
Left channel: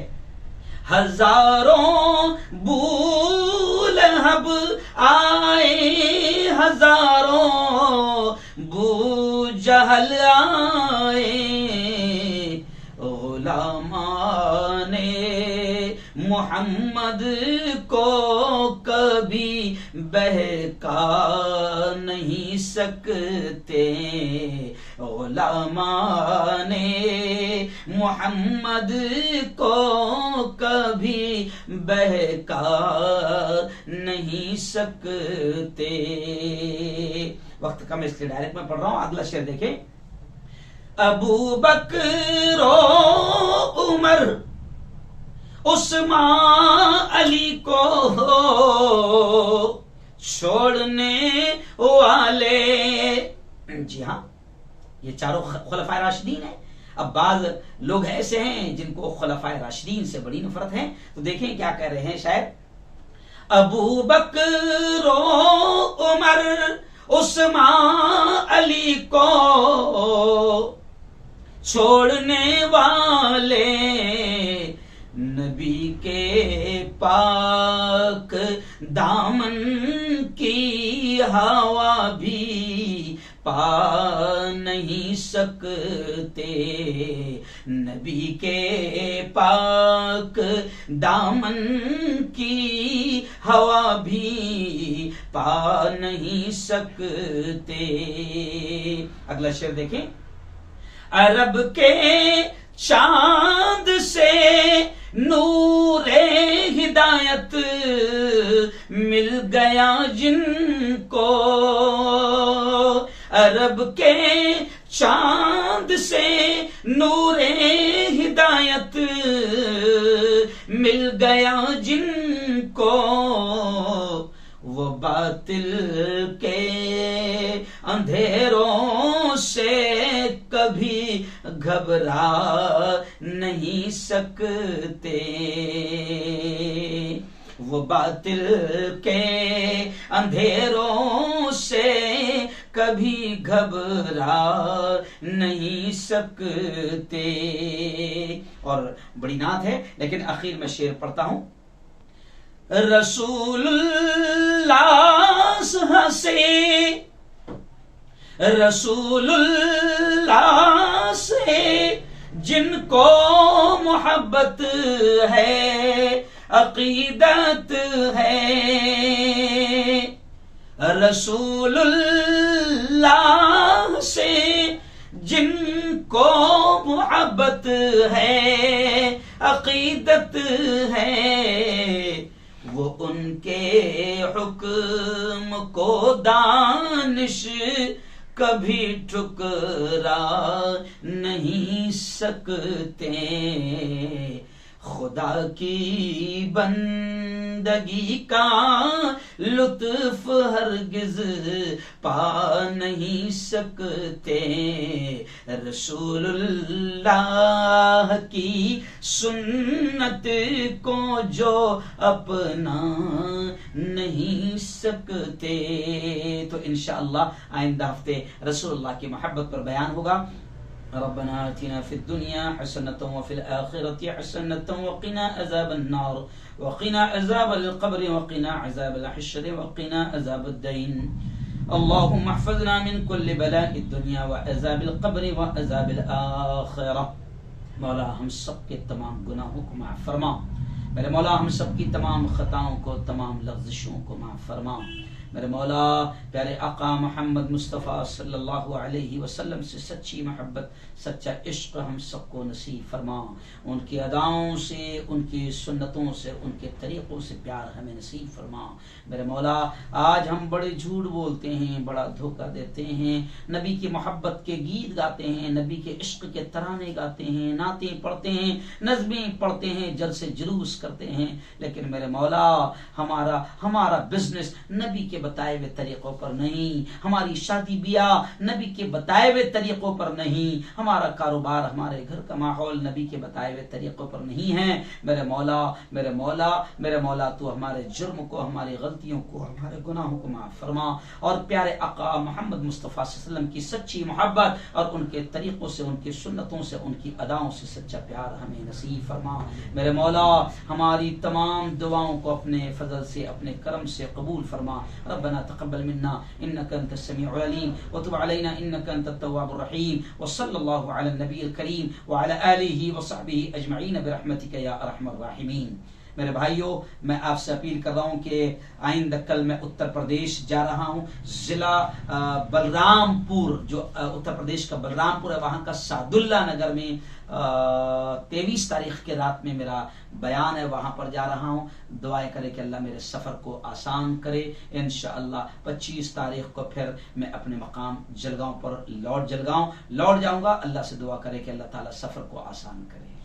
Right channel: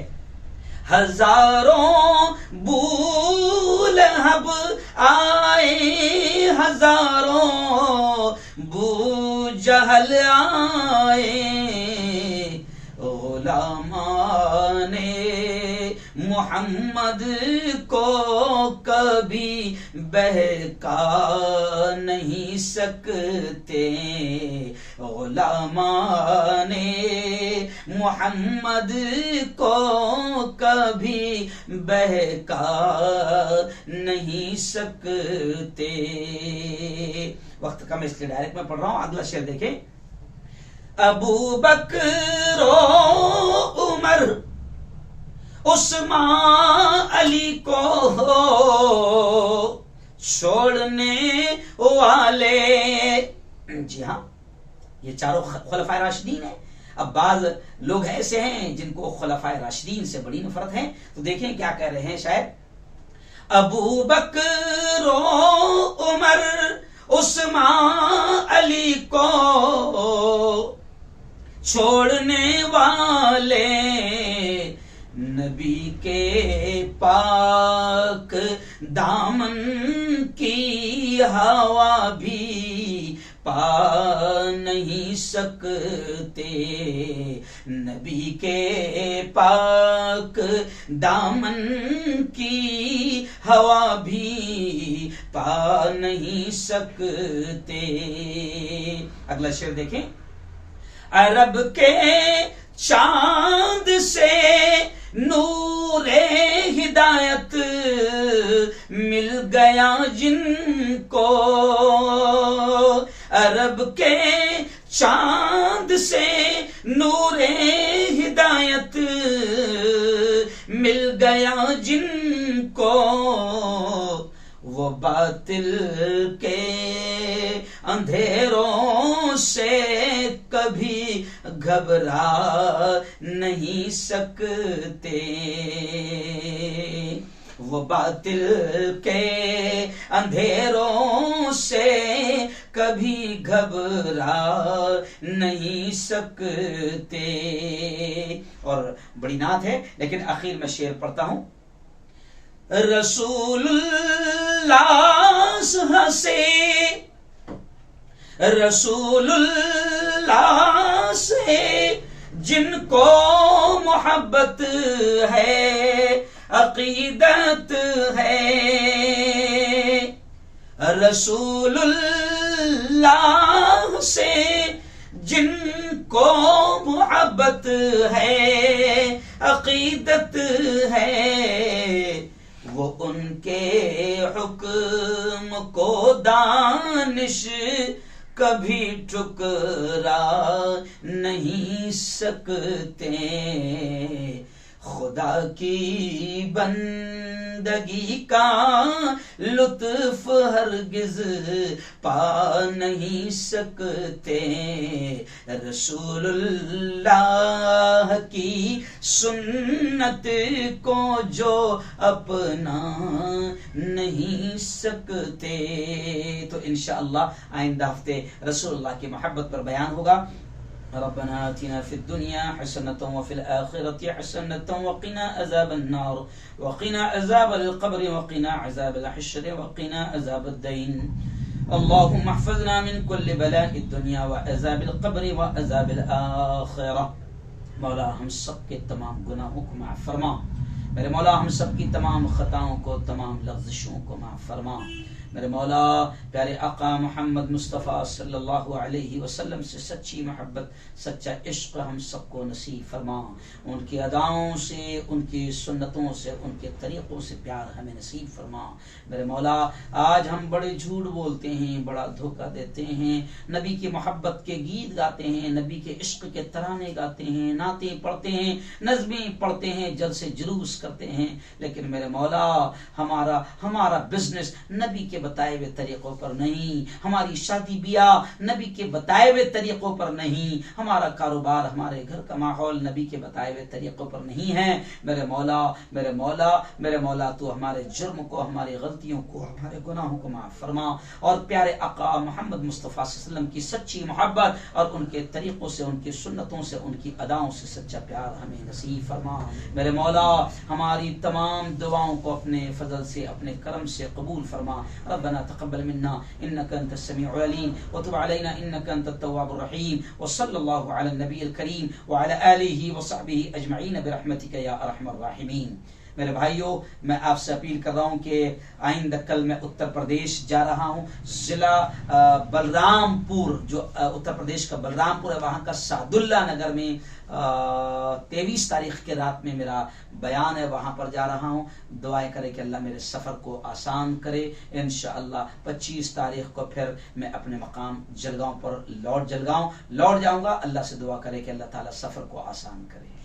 हजारों बूलहब आए, हजारों बूजहल आए, गुलामाने मोहम्मद को कभी बहका नहीं सकते, गुलामाने मोहम्मद को कभी बहका नहीं सकते। वक्त कम इसलिए डायरेक्ट में पढ़ रहा हूं। अगला शेर देखें। अबू बकर उमर उस्मान अली को छोड़ने वाले, जी हाँ ये चारों खुलफाए राशिदीन है। अब बाज लोग ऐसे हैं जिनको खुलफाए राशिदीन से बड़ी नफरत है, तो देखें क्या कह रहे हैं शायद। अबू बकर उमर उस्मान अली को छोड़ने वाले, नबी के पाक दामन की हवा भी पा नहीं सकते, नबी के पाक दामन की हवा भी पा नहीं सकते। अगला शेर देखें। अरब के चांद से नूरे हिदायत मिल गया जिनको, अरब के चांद से नूरे हिदायत मिल गया जिनको, वो बातिल के अंधेरों से कभी घबरा नहीं सकते, वो बातिल के अंधेरों से कभी घबरा नहीं सकते। और बड़ी नात है, लेकिन आखिर में शेर पढ़ता हूं। रसूलुल्लाह से, रसूलुल्लाह से जिनको मोहब्बत है, अकीदत है, रसूलुल्लाह से जिनको मोहब्बत है, अकीदत है, वो उनके हुक्म को दानिश कभी ठुकरा नहीं सकते। खुदा की बंदगी का लुत्फ हरगिज पा नहीं सकते। रसूलुल्लाह की सुन्नत को जो अपना नहीं सकते। तो इंशाअल्लाह आइंदा हफ्ते रसूलुल्लाह की मोहब्बत पर बयान होगा। रब्बना आतिना फिद दुनिया हसनतन व फिल आखिरति हसनतन व क़िना अज़ाबन नार व क़िना अज़ाबल क़ब्र व क़िना अज़ाबल हश्र व क़िना अज़ाबद दीन। अल्लाहुम्मा अहफ़ज़ना मिन कुल्लि बलाइद दुनिया व अज़ाबिल क़ब्र व अज़ाबिल आखिरह। मौला हम सब के तमाम गुनाहों को माफ़ फरमा। मेरे मौला हम सब की तमाम खताओं को, तमाम लग़्ज़िशों को माफ़ फरमा। मेरे मौला प्यारे आका मोहम्मद मुस्तफ़ा सल्लल्लाहु अलैहि वसल्लम से सच्ची मोहब्बत, सच्चा इश्क हम सबको नसीब फरमा। उनकी अदाओं से, उनकी सुन्नतों से, उनके तरीक़ों से प्यार हमें नसीब फरमा। मेरे मौला आज हम बड़े झूठ बोलते हैं, बड़ा धोखा देते हैं, नबी की मोहब्बत के गीत गाते हैं, नबी के इश्क के तराने गाते हैं, नातें पढ़ते हैं, नज़में पढ़ते हैं, जलसे जुलूस करते हैं, लेकिन मेरे मौला हमारा बिजनेस नबी के बताए हुए तरीकों पर नहीं, हमारी शादी ब्याह नबी के बताए हुए तरीकों पर नहीं, हमारा कारोबार, हमारे घर का माहौल नबी के बताए हुए तरीकों पर नहीं है। मेरे मौला मेरे मौला मेरे मौला तू हमारे जुर्म को, हमारी गलतियों को, हमारे गुनाहों को माफ फरमा और प्यारे आका मोहम्मद मुस्तफ़ा सल्लल्लाहु अलैहि वसल्लम की सच्ची मोहब्बत और उनके तरीकों से, उनकी सुन्नतों से, उनकी अदाओं से सच्चा प्यार हमें नसीब फरमा। मेरे मौला हमारी तमाम दुआओं को अपने फजल से, अपने करम से कबूल फरमा। रब्बना तक़ब्बल मिन्ना इन्नका अंतस समीउल अलीम व तुब अलैना इन्नका अंतत तव्वाबुर रहीम व सल्लल्लाहु अला नबील करीम व अला आलिहि व सहबिहि अजमईन बिरहमतिका या अरहमर राहिमीन। मेरे भाइयों, मैं आपसे अपील कर रहा हूँ कि आइंदा कल मैं उत्तर प्रदेश जा रहा हूँ। जिला बलरामपुर, जो उत्तर प्रदेश का बलरामपुर है, वहाँ का सादुल्ला नगर में 23 तारीख के रात में मेरा बयान है, वहाँ पर जा रहा हूँ। दुआएं करें कि अल्लाह मेरे सफ़र को आसान करे। इंशाअल्लाह 25 तारीख को फिर मैं अपने मकाम जलगांव पर लौट जाऊँगा। अल्लाह से दुआ करें कि अल्लाह ताला सफ़र को आसान करे।